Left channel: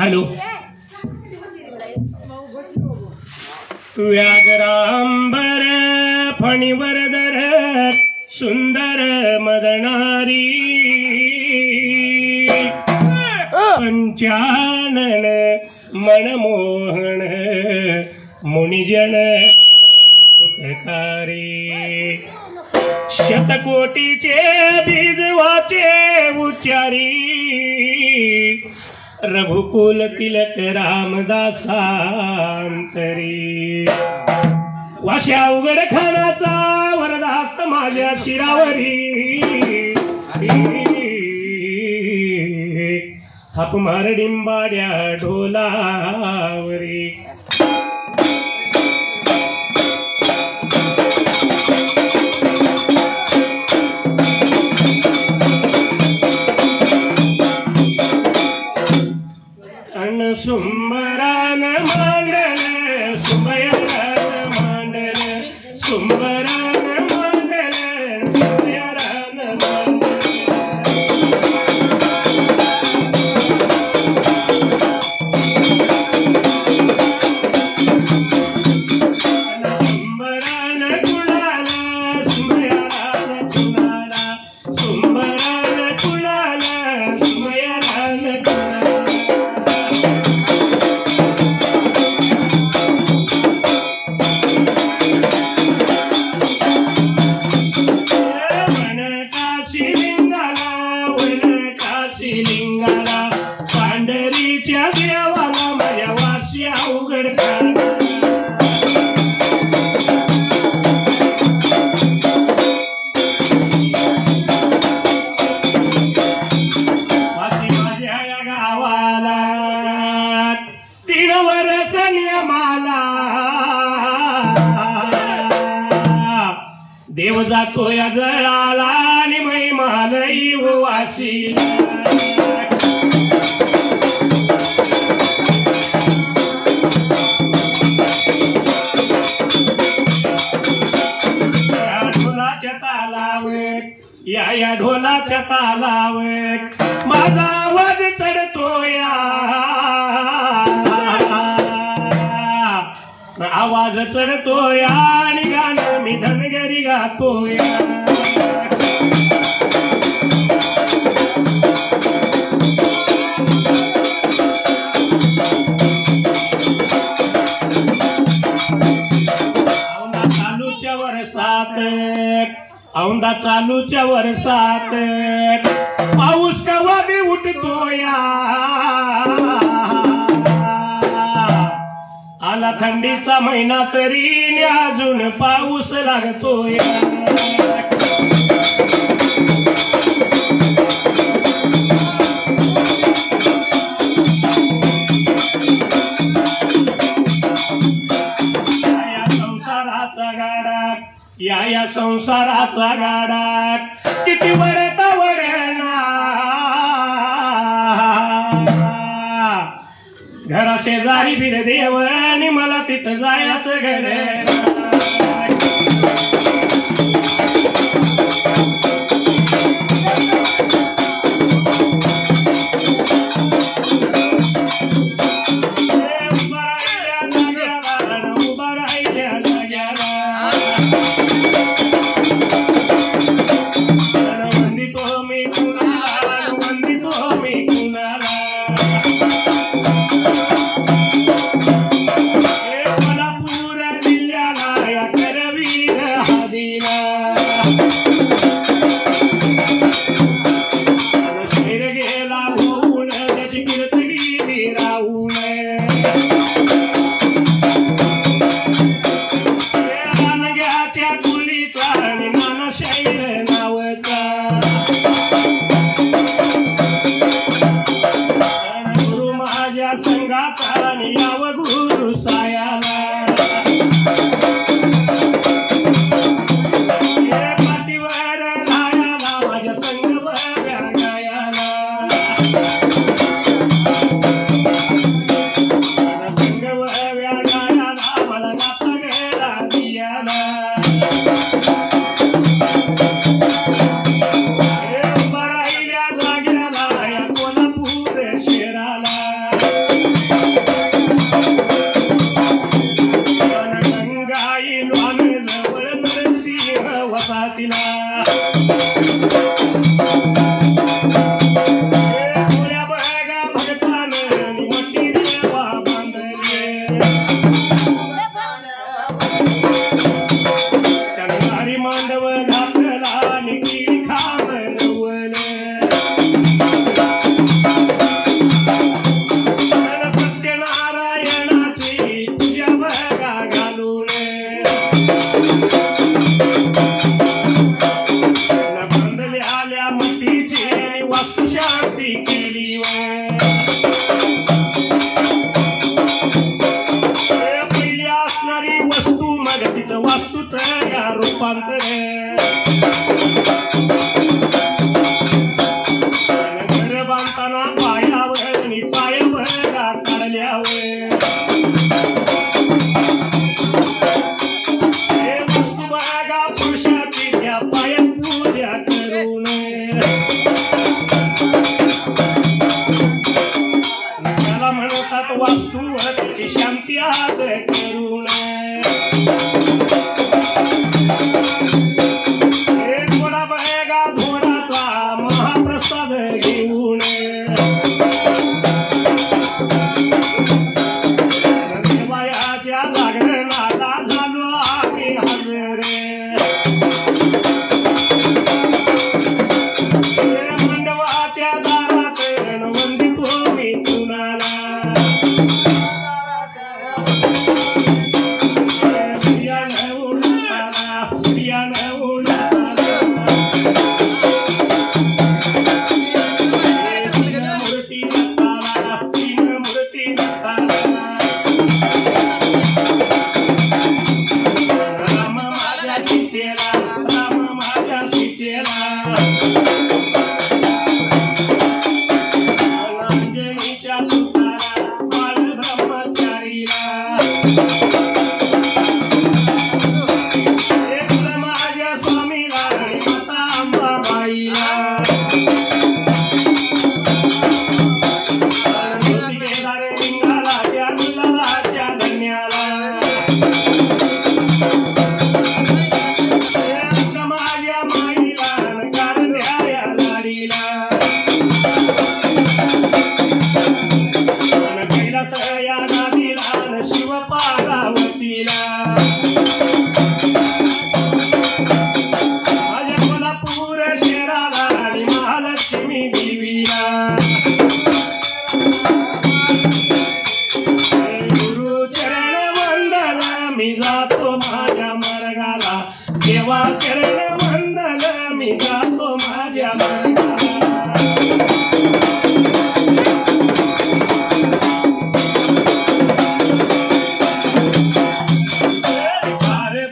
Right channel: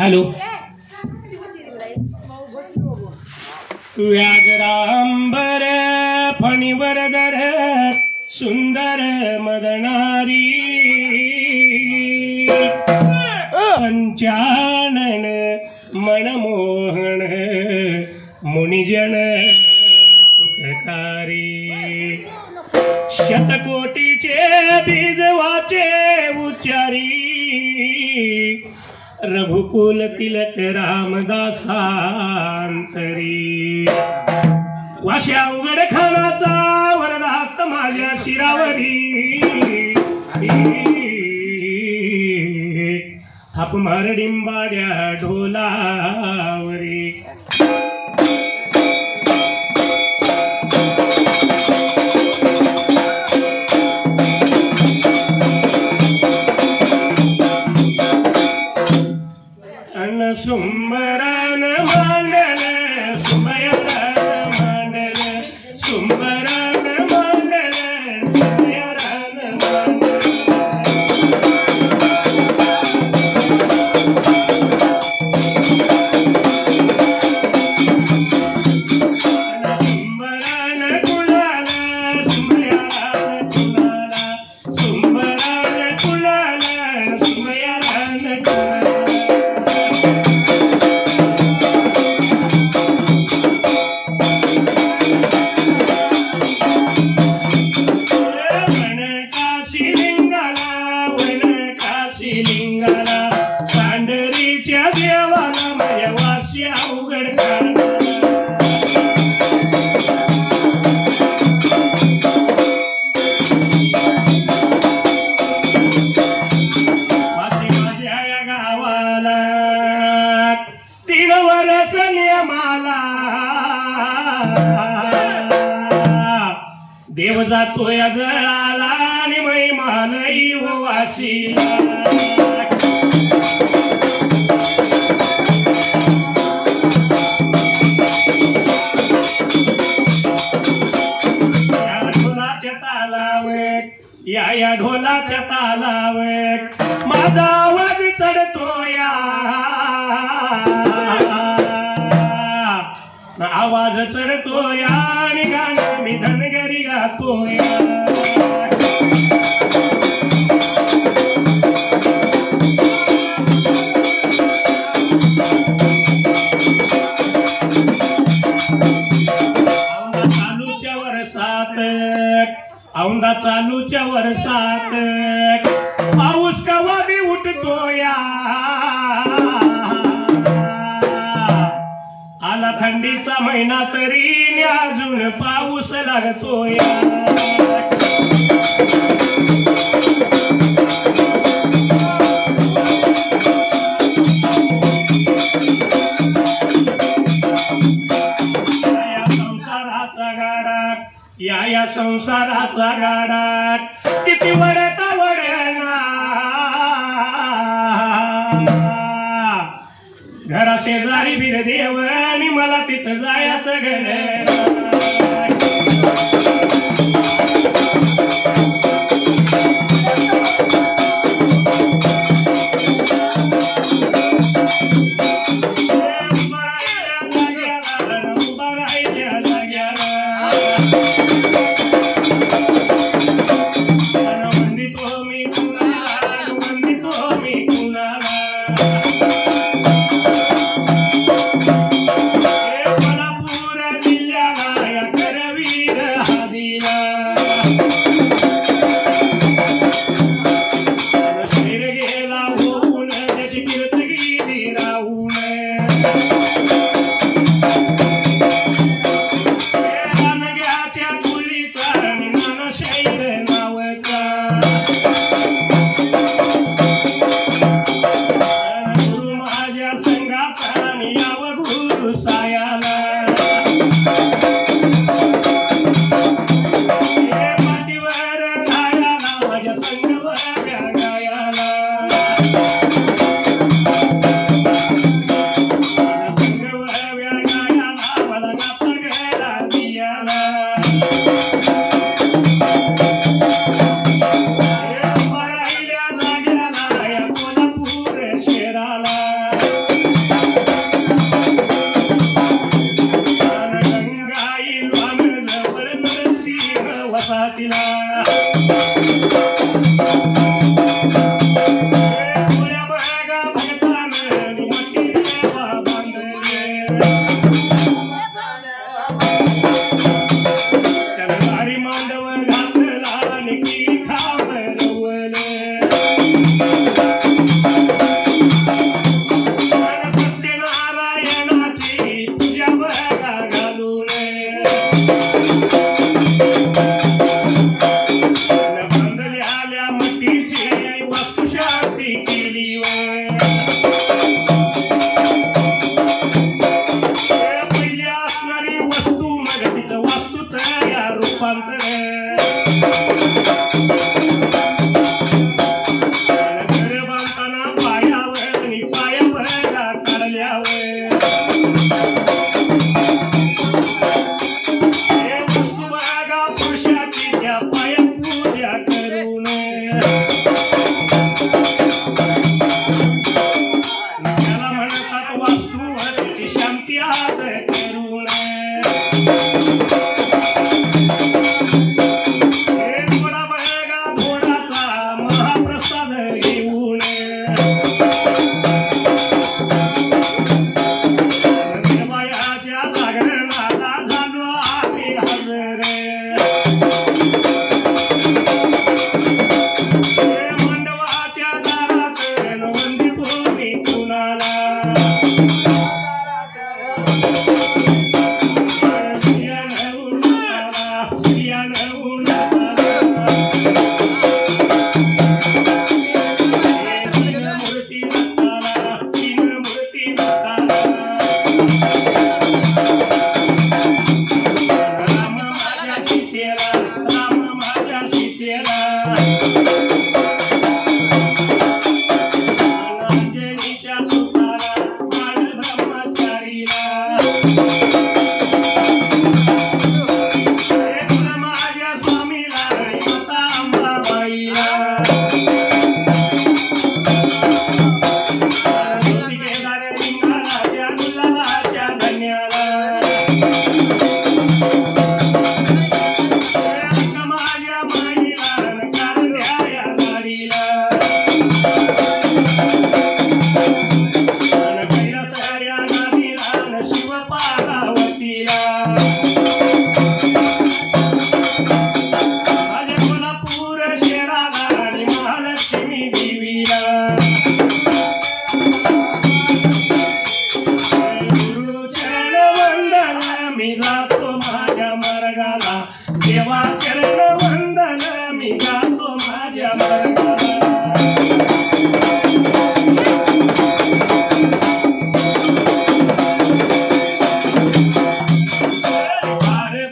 Hello व्याघ्रांबर फणीवरदर सुंदर मदनारी पंचानन मनमोहन मुनिजन सुखकारी शतकोटीचे बीज वाचे उच्चारी रघुकुल तिलक रामदासांतरी वाश्या उघड खानाचा वरदहस्त माझ्या शिरावरी थाप मार डिंबाड्या ढोलावरी सुंबरान मांडल सुमयरान मांडल सुंबरान मांडल सुमयरान मांडल सुंबरान कुळाला सुमयरान कुळाला सुंबरान कुळाला सुमयरान कुळाला पांढरीच्या देवाला माझ्या वास्या उघड माझ्या या गावाला 3 वर्ष नियमाला देव जातो या जळाला आणि महिमालई वासी या ढोलाच्या तालावर माझा आवाज चढतो या आवाज चढतो या आणि गाणं मी धनगरी गातो या औंदा चालूच्या वर्षात पाऊस कवा बी उठतो या आला थंडीचा महिना तरी अजून पाऊस लागतो या संसाराचा गाडा या संसाराचा गाडा किती वडता वडना घरा शेजारी बिर देव आणि मला तिथं जायचं घर उभं राहिल्या बांधल्याल्या मटीची वस्तू शांती केली पहिल्या असणारी वस्तू मग तिचं वास्तू तयार रूपांतर घर बांधताना पायावर आणि पायावर काढल्यावर शांती हात करून थोडा बघा थोडाचा महाप्रसाद घेऊन देवायाच्या जागरणाला झालो आम्ही हजर मंडपाच्या दारात वंदितो मी कुणाला देवा चरण वंदन मी जातो माझ्या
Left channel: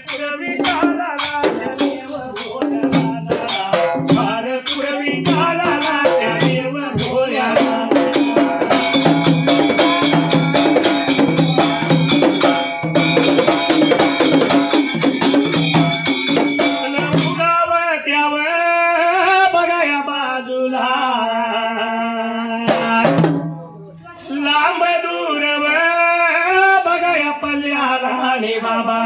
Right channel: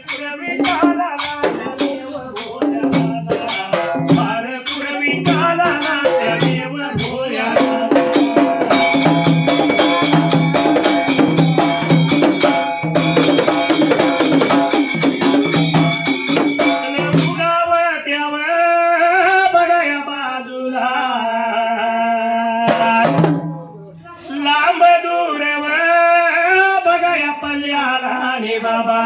पुरवी काला देव भोळ्या पुरवी काला देव भोळ्या बाबा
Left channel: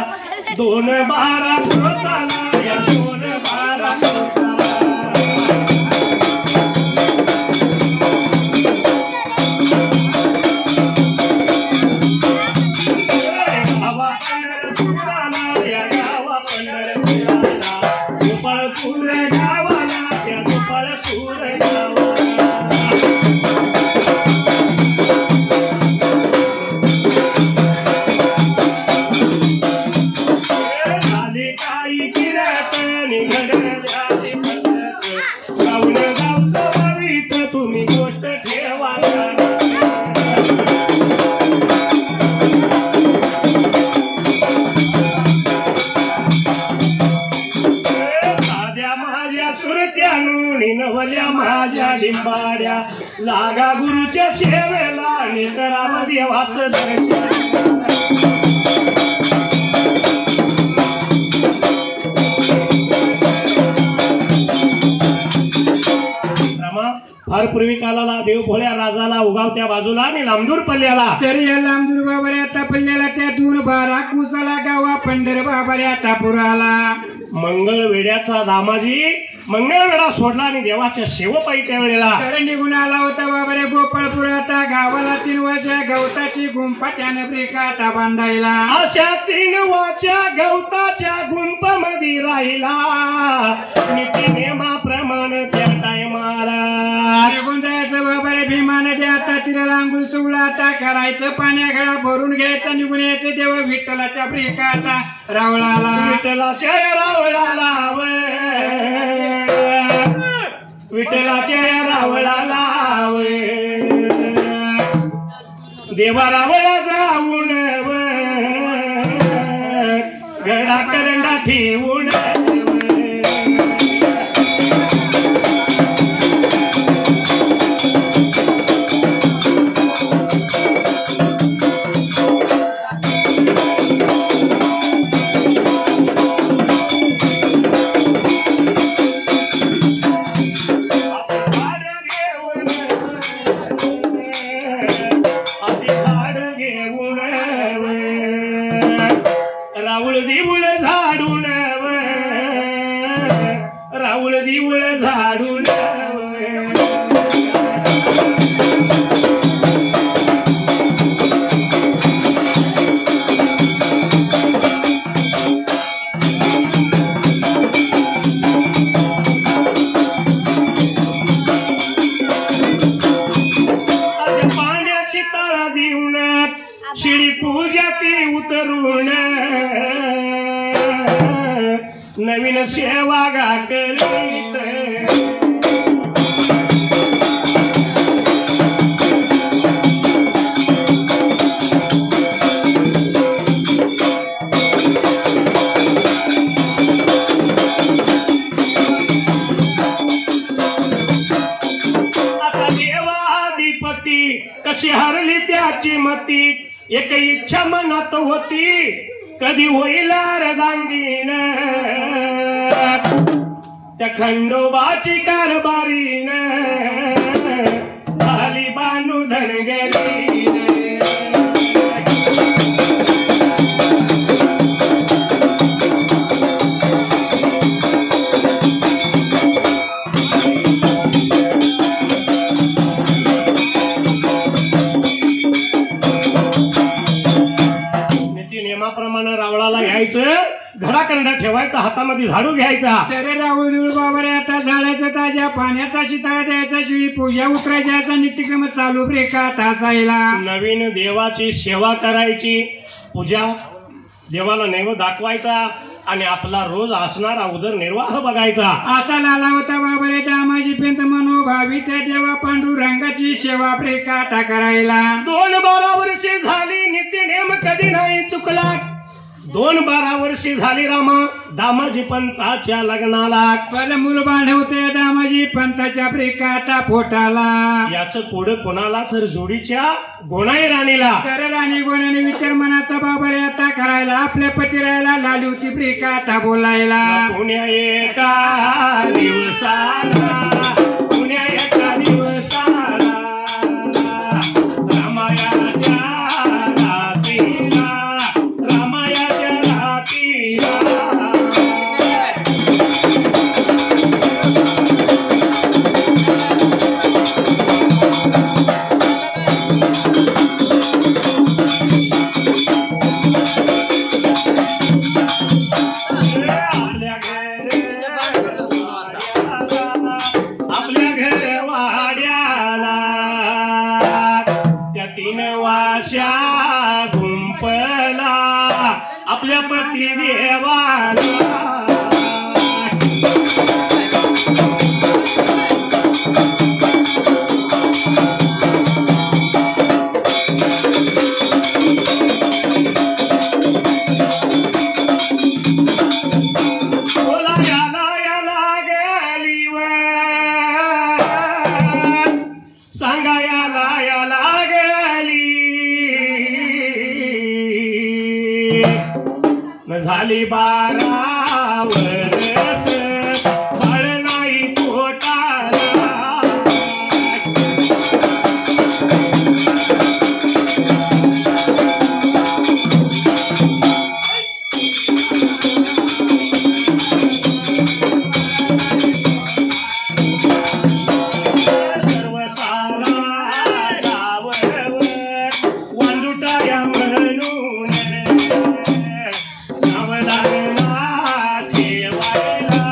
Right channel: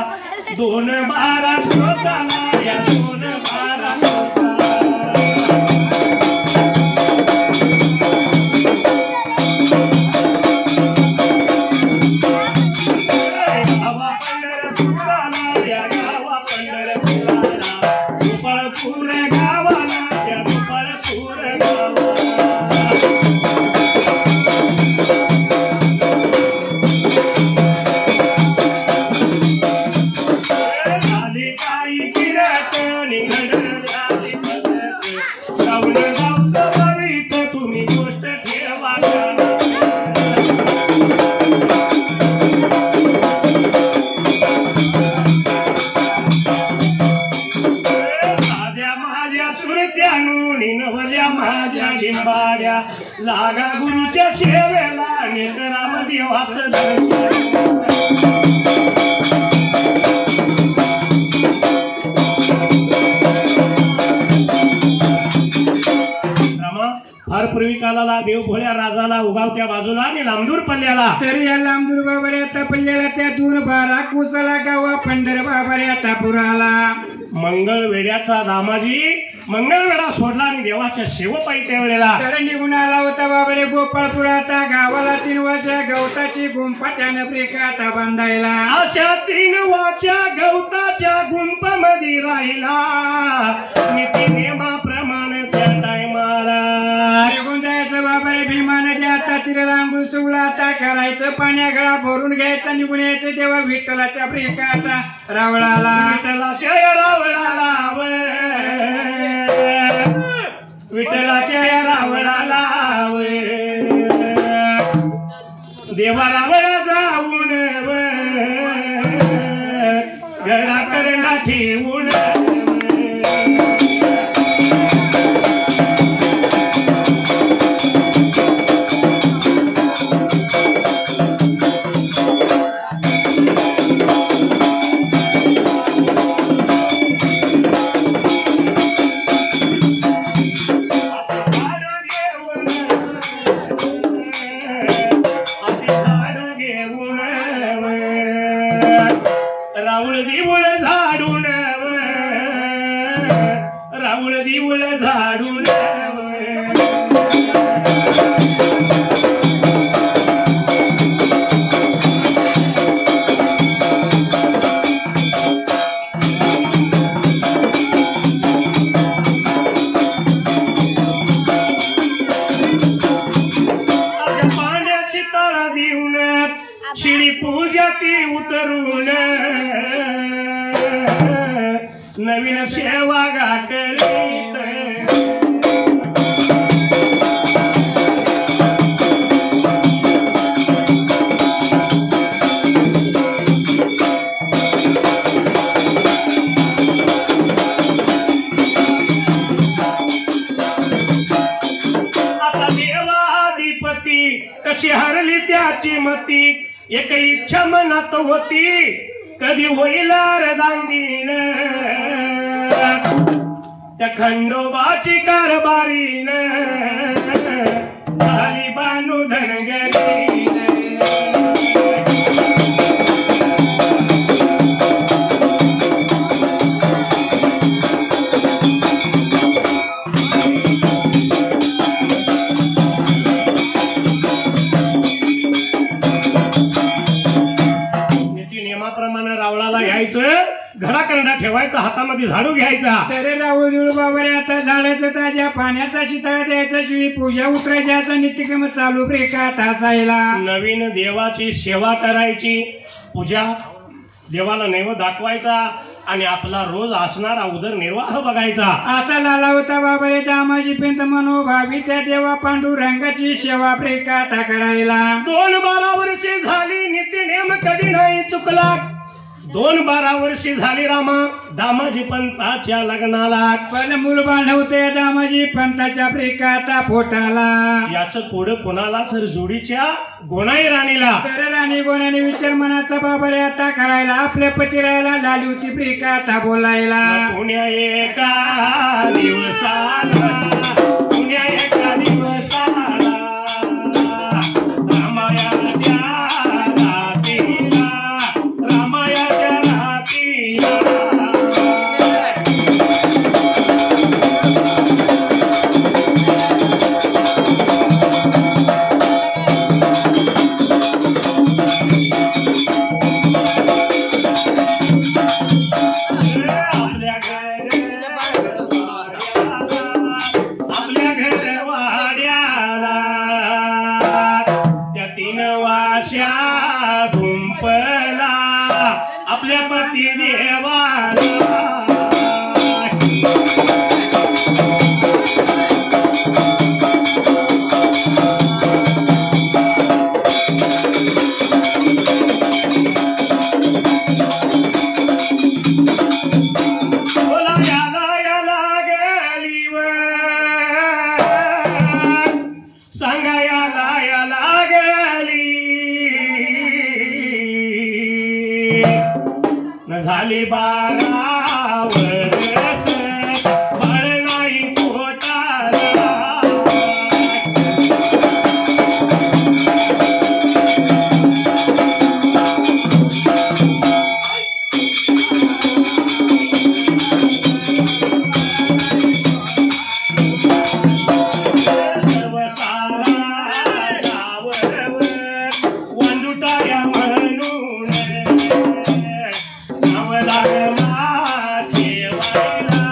दोन बारा होताना या दोन बारा गावा पंढरपुराला या गावा पंढरपुराला गोपाळपूर गावाला या गोपाळपूर गावाला तुम्ही गोष्ट ठेवा साध्या माझ्या सुरत्यानो नवल्या माझ्या लिंबाड्या लागा गुरुच्या सेवेला आणि करा देवाचं दर्शन फार पूर्वी कालाला देव भोळ्या राजाला उगावच्या बाजूला आणि लांबदूर पल्ल्याला तरी या लांबदूर बाबऱ्या पल्ल्याला त्यातून बारा कुसाला गावा पंढर बाबऱ्या तापुराला मंगळ वेड्याचा दामाजी मंगळवेढा सोडला आणि देवाच्या शेवपाई त्यावेळेला तर निघून आला होता बाबरे गोपाळपुरात गावाला 3 वर्ष गवताची गुंफा त्यानं ब्रेकाता बांधायला अशा 3 वर्ष गवताच्या गुंफामध्ये राहिला नीती नियमाप्रमाणे त्या टायमाला निघून जायचं बाबरे भीमाने द्या आता तिला रांगोळ चुगला आता करायचं पाण्यागळा भरून घ्यायचा निघून यायचं तेव्हा विठ्ठलाच्या प्रेकाचा रावळाला विठ्ठलाच्या रावळाला विठ्ठलाच्या रावळाला देवा रावळा जाऊन गडा करंडा ठेवून राऊळ दिवळ झाडून राऊळ दिवळ झाडून पाण्याची तळा देऊन शिडी पूजा ती उतरून नवीन सेवा गाठलीत आता देवाधिपती कशी हरली त्याची मती एक इच्छा मनात होती कधी होईल दांडीन त्या खंडोबाची कारभारीन झाली बानू धनगरीन नियमाप्रमाणे रावळाला घ्यायचं घराकरंडा ठेवायचा हातामध्ये झाडू घ्यायचा तर राऊळ बाबारे आता झाडाचं ताज्या पाण्याचा शिताळा द्यायचा शिडी पूजा उतरायची असा नित्यक्रम चालू प्रेकात असायला नवीन देवाची सेवा करायची पूजा देवाला नैवेद्य दाखवायचा आणि आपला रोज असणारा उदरनिर्वाह बघायचा असा लाला होता बाबारे दामाजी पिंत मनोभावी त्या देवा पांडुरंगाची सेवा प्रेकात करायला 2-12 वर्षे झाली नित्य नेम कधी नाही चुकला 2-12 वर्षे झाली रामा दामाजी पंताच्या लग्नाला पण मूल बांधवते दामाजी पंताच्या प्रेकाता पोटाला याच पुढे कोणाला तर जोडीच्या गोणाई राणीला तर राणी गोणाने विचार मनाचा बाबारे आता करायला आपल्या पतिरायला लाली होती प्रेकाता बोलायला पुण्या एका दिवसाला पुण्या एका दिवसाला रामायाच्या रातीला रामायाच्या रातीला आपल्या घर वाड्याला त्या 3 वाश्या गुंपला आपल्या पती देवाला झाली 12 वर्ष बाळ नाही पोटाला सर्व सारा गाववर वांजुटाया म्हणून लागला ठेवायला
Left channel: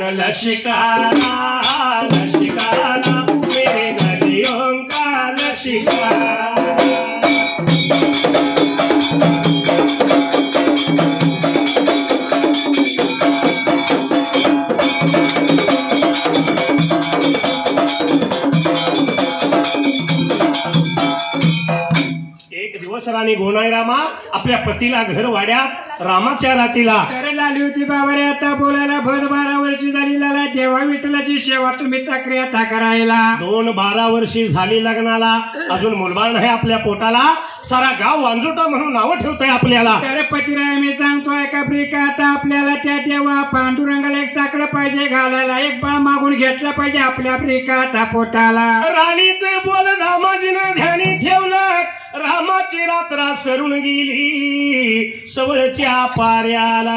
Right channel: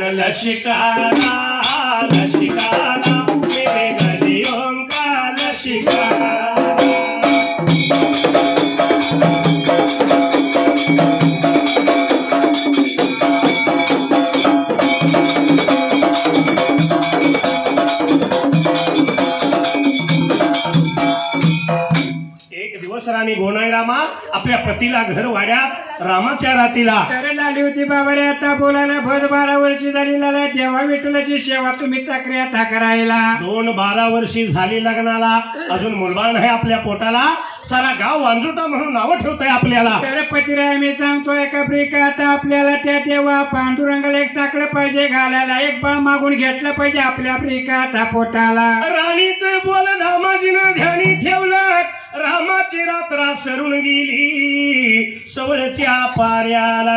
न लशिकारा लशिकारा मेरे गलियों का लशिकारा राणी गोनाई रामा आपल्या पतीला घर वाड्यात रामाच्या रातीला तर झाली होती बाबा रे आता बोलायला भद 12 वर्षी झाली लाला देवा विठ्ठलाची सेवा तुम्ही चाकरी आता करायला 12 वर्षी झाली लग्नाला अजून मुलबाळ नाही आपल्या पोटाला सारा गाव वांजुटा म्हणून नाव ठेवतंय आपल्याला तर पतिराय मी सांगतोय का प्रिका आता आपल्याला त्या देवा पांडुरंगाला एक चाकड पाहिजे घालायला एक बा मागून घेतला पाहिजे आपल्या प्रिका आता पोटाला राणीचं बोल रामाजीनं ध्यानी ठेवलं रामाची रात्र सरून गेली सवळच्या पाऱ्याला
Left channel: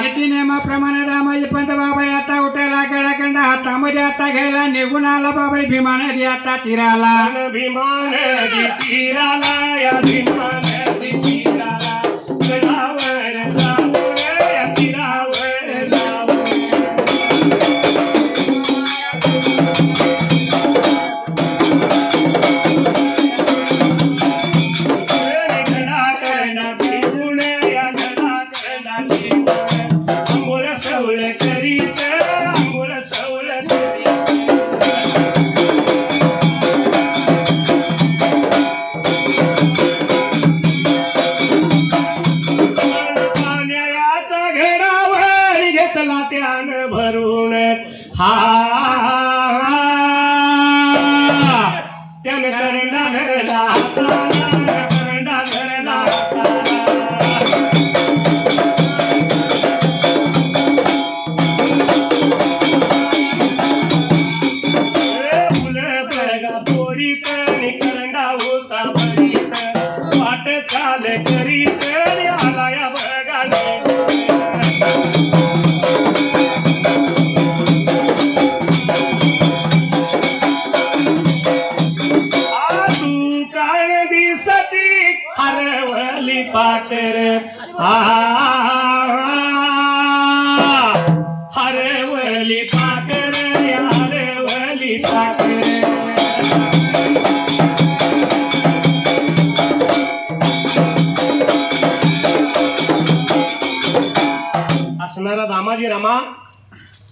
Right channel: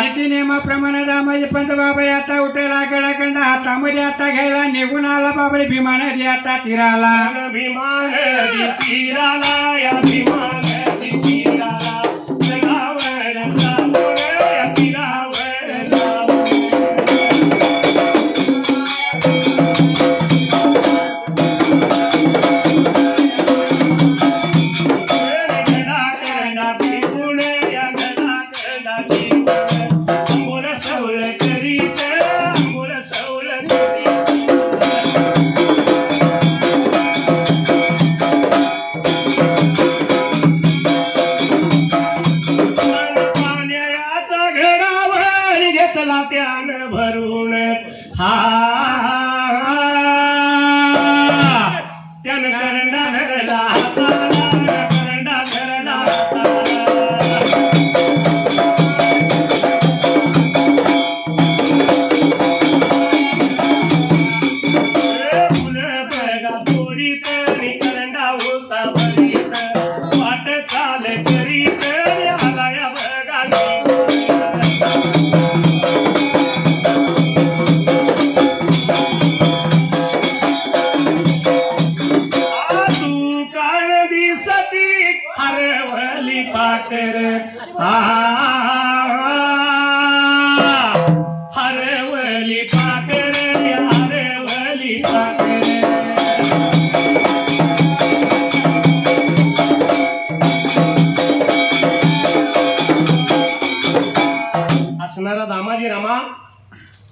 नीती नियमाप्रमाणे रामाजी पंत बाबा आता उठायला गडाखंड हातामध्ये आता घ्यायला निघून आला बाबा भीमा नदी आता तीराला भीमा नदी तीराला या भीमा नदी तीराला गडावर जाऊन या तीरावर जाऊन भरून हा त्यानं करंडा धरला करंडा धरला फुलं बघा तोडीत करंडा होता भरीत वाट चाल करीत आला या बघा हरवली पाकर हरवली पाकर हरवली पाकर असणारा दामाजी रामा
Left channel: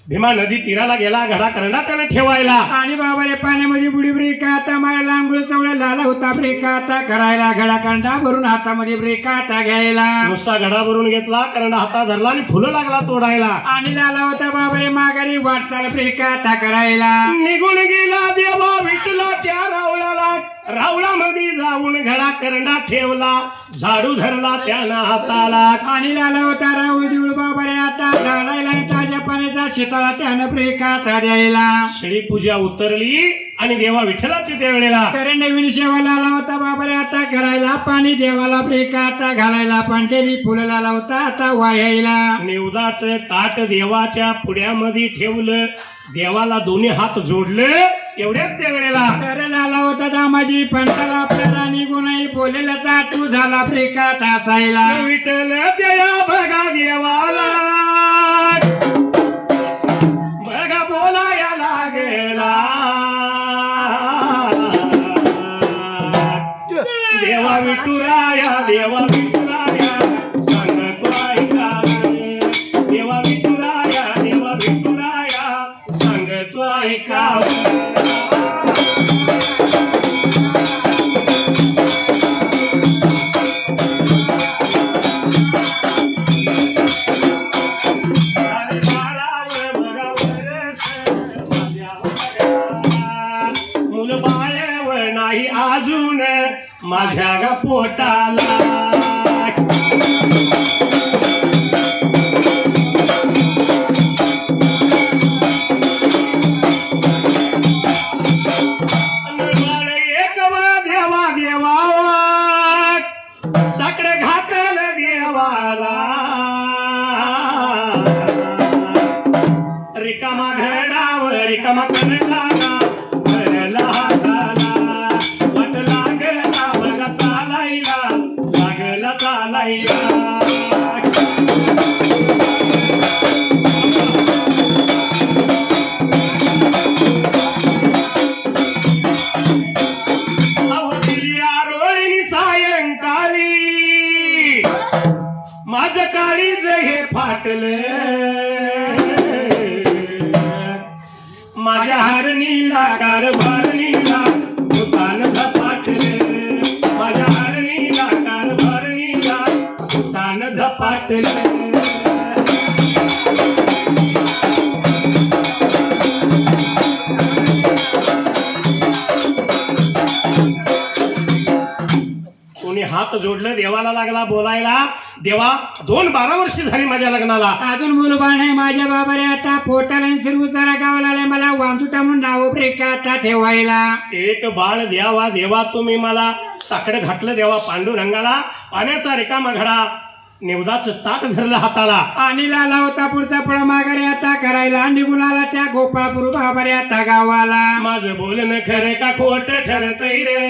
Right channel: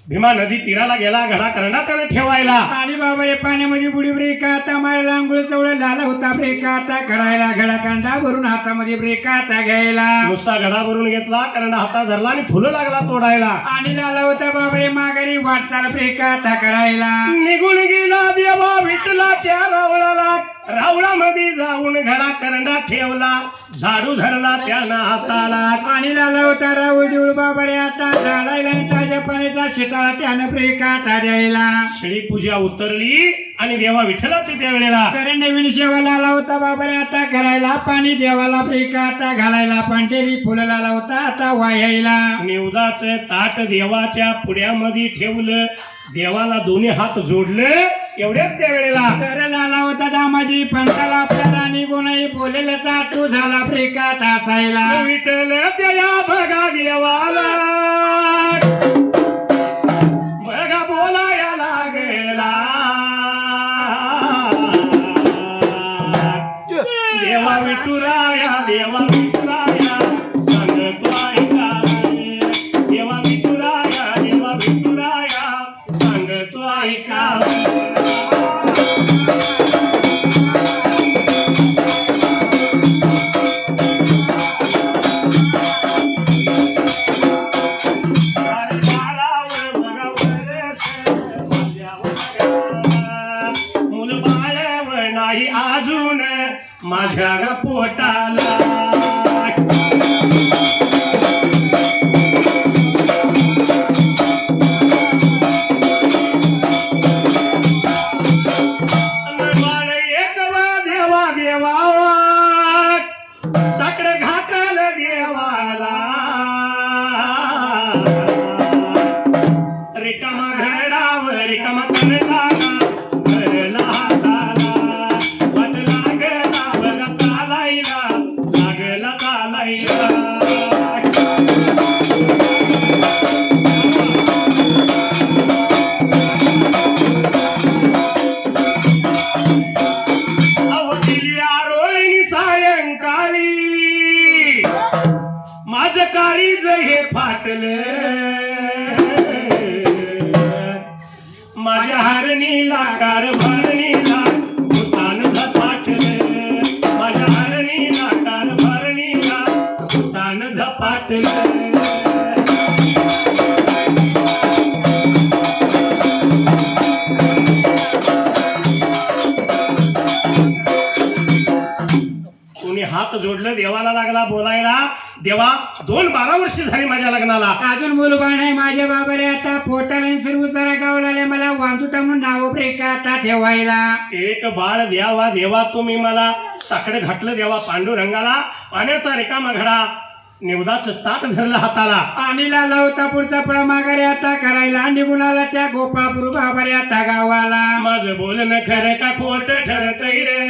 भीमा नदी तीराला गेला घडा करंडा त्याने ठेवायला आणि बाबा रे पाण्यामध्ये बुडी ब्रेका आता मायला आंघोळ चवळ झाला होता ब्रेका आता करायला घडा कंडा भरून हातामध्ये ब्रेका आता घ्यायला नुसता घडा भरून घेतला करंडा हातात धरला आणि फुलं लागला तोडायला आणि झाला होता बाबा रे माघारी वाटचाल ब्रेका आता करायला निघून गेला देवा विठ्ठलाच्या रावळाला रावळामध्ये जाऊन घडा करंडा ठेवला झाडू धरला त्यानं हाताला आणि लाला होता राहुल देऊळ बाबा रे आता झाडायला ताज्या पाण्याचा शितळा त्यानं ब्रेका आता द्यायला श्री पूजा उतरली आणि देवा विठ्ठलाची त्यावेळेला तर नवीन सेवा लाला होता बाबा रे आता करायला पाणी देवाला ब्रेका आता घालायला पांढरी फुलं लाला होता आता वायायला निवदाचं ताट देवाच्या पुढ्यामध्ये ठेवलं देवाला दोन्ही हात जोडले एवढ्याच त्यावेळेला तर लाला होता दामाजी पंताला आपल्या राणी गुणाई बोलेला चाटू झाला ब्रेकात असायला विठ्ठल त्या बघा देवाला बघा बोलाया लागला देवा विठुराया देवा विठुराया सांगतो ऐका देवा विठुराया सांगतो ऐका मुल बाळव नाही अजून माझ्या गा पोटाला देवा देवा सकडे घातल देवाला रिकामा घडावर रिकामा करताना घरला हाताला वाट लागला बघा चालायला लागला चालायला माझ काळीज हे फाटलं, माझ्या हरणीला कारभारणीला भूतान झपाटलं, माझ्या हरणीला कारभारणीला भूतान झपाटलं. कोणी हात जोडलं, देवाला लागला बोलायला, देवा 2-12 वर्ष झाली माझ्या लग्नाला, अजून मुलबाळ नाही माझ्या बाबाने, आता पोटाला आणि सिरवसारा गावाला आले, मला वांजुटा म्हणून नाव प्रेकाता ठेवायला. एक बाळ द्यावा देवा, तुम्ही मला साकडं घातलं देवा पांडुरंगाला, पाण्याचा रिकामा घडा, निवदाचं ताट धरलं हाताला, आणीला लावता पुढचा पळा माघारी आता करायला, निघून आला त्या गोपाळपूर बाबारे आता गावाला. माझं बोलणं खरं का खोट ठरतय रे,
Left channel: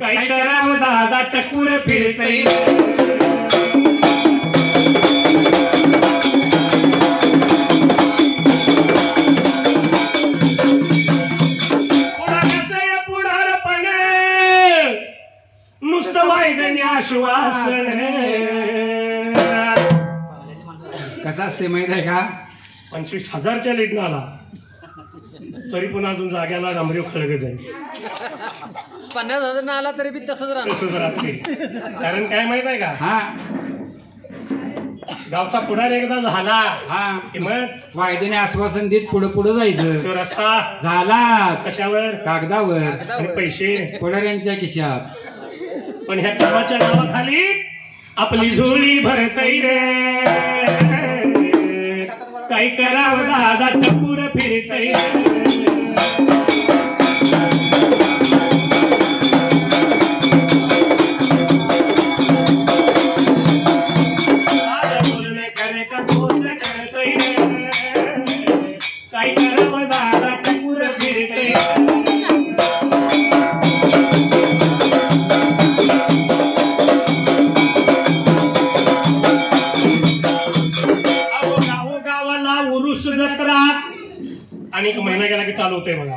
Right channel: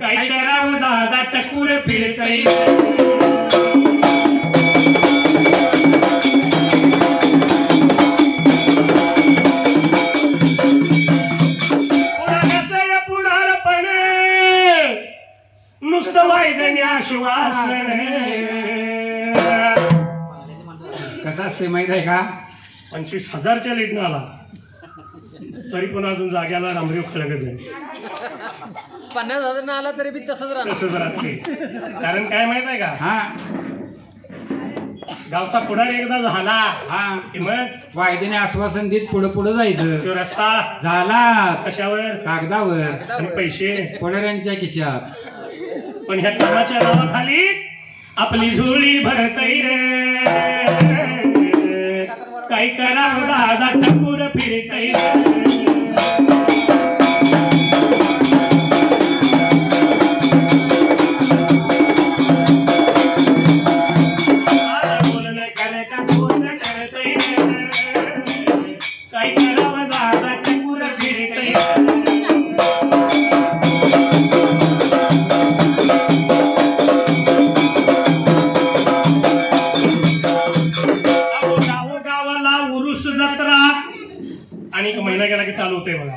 काय करावं दादा टकूर फिरतय, पुढारचं या पुढारपण नुसतं वायदने आश्वासन. कसं असते माहित आहे का, 25,000च्या लीडनं आला तरी पण अजून जाग्याला डांबरी खळगच आहे, 50,000 आला तरी बी तसंच तसंच राहते. कारण काय माहित आहे का, हा गावचा पुढार एकदा झाला हा की मग वायदेने आश्वासन देत पुढे पुढे जायचं. तो रस्ता झाला कशावर, कागदावर आणि पैसे पुढाऱ्यांच्या खिशात. पण ह्या कामाच्या नावाखाली आपली झोळी भरतय रे, काय करावं दादा टपूर फिरतय. काय करावं दादा टपूर फिरतय. गावाला उरुस जत्रा आणि एक महिना गेला की चालू होते बघा.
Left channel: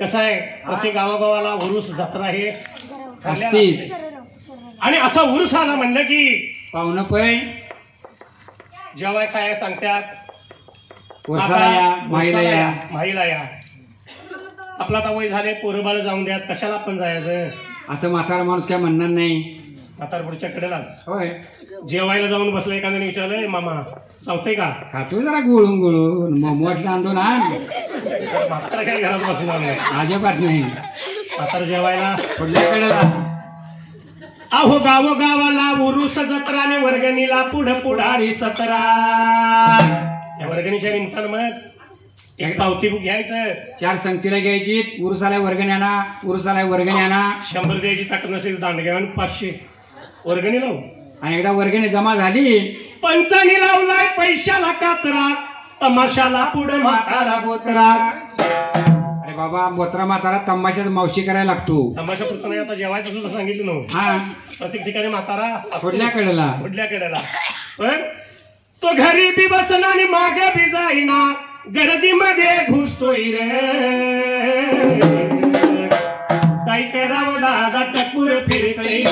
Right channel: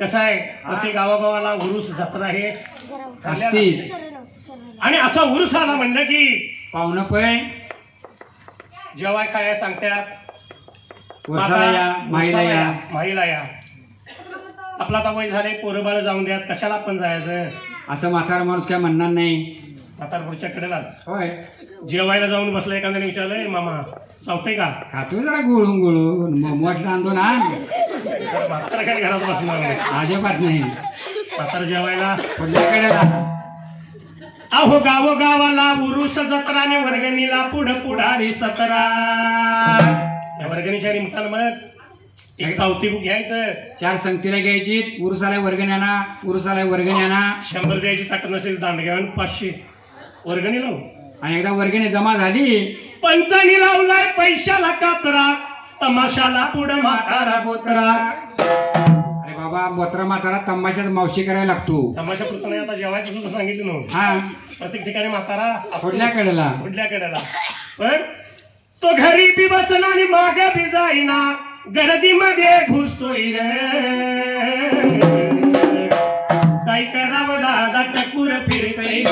कसं आहे, प्रत्येक गावागावाला उरुस जत्रा हे असतीच. आणि असा उरुस आला म्हणलं की पाहुणं पै जेवाय काय सांगतात, वर्षाला या माईला या. माईला या. आपला आता वय झाले, पोरं बाळ जाऊन द्यात, कशाला आपण जायचं. असं म्हातारा माणूस काय म्हणणार नाही. म्हातारपूरच्या कडेलाच होय, जेवायला जाऊन बसलं, एखाद्याने विचारलंय मामा चावतंय का, खातो जरा गुळून गुळून मोठ आणून आण. तर म्हातारा काही घरात बसणार नाही, अजिबात नाही. म्हातारा जेवायला पुढल्याकडे अहो गावाला उरुस जत्राने वर्गणीला पुढारी सतरा. या वर्गणीच्या निमित्तानं म्हणत एक पावती बुक घ्यायचं, 4 संगतीला घ्यायची, उरुसाला वर्गणी आणा, उरुसाला वर्गणी आणा. 100 द्यायची ताकद नसेल दांड घ्यावं, 500 वर्गणी लावून. आणि एकदा वर्गणी जमा झाली, पंचानी लावलाय पैशाला कातरा, तमाशाला पुढं म्हातारा बोतरा. अरे बाबा मोत्रा म्हातारा तमाशात मावशी करायला लागतो. तमाशा पुढचं नाही, आता जेवायचं सुद्धा सांगितलं नव्हतं. हा प्रत्येक ठिकाणी म्हातारा पुढल्या कडेला. पुढल्या कडेला. पण तो घरी बी बसना आणि मागे बी जाईना, गर्दीमध्ये घुसतोय रे, काय करावं दादा टकूर फिरतय.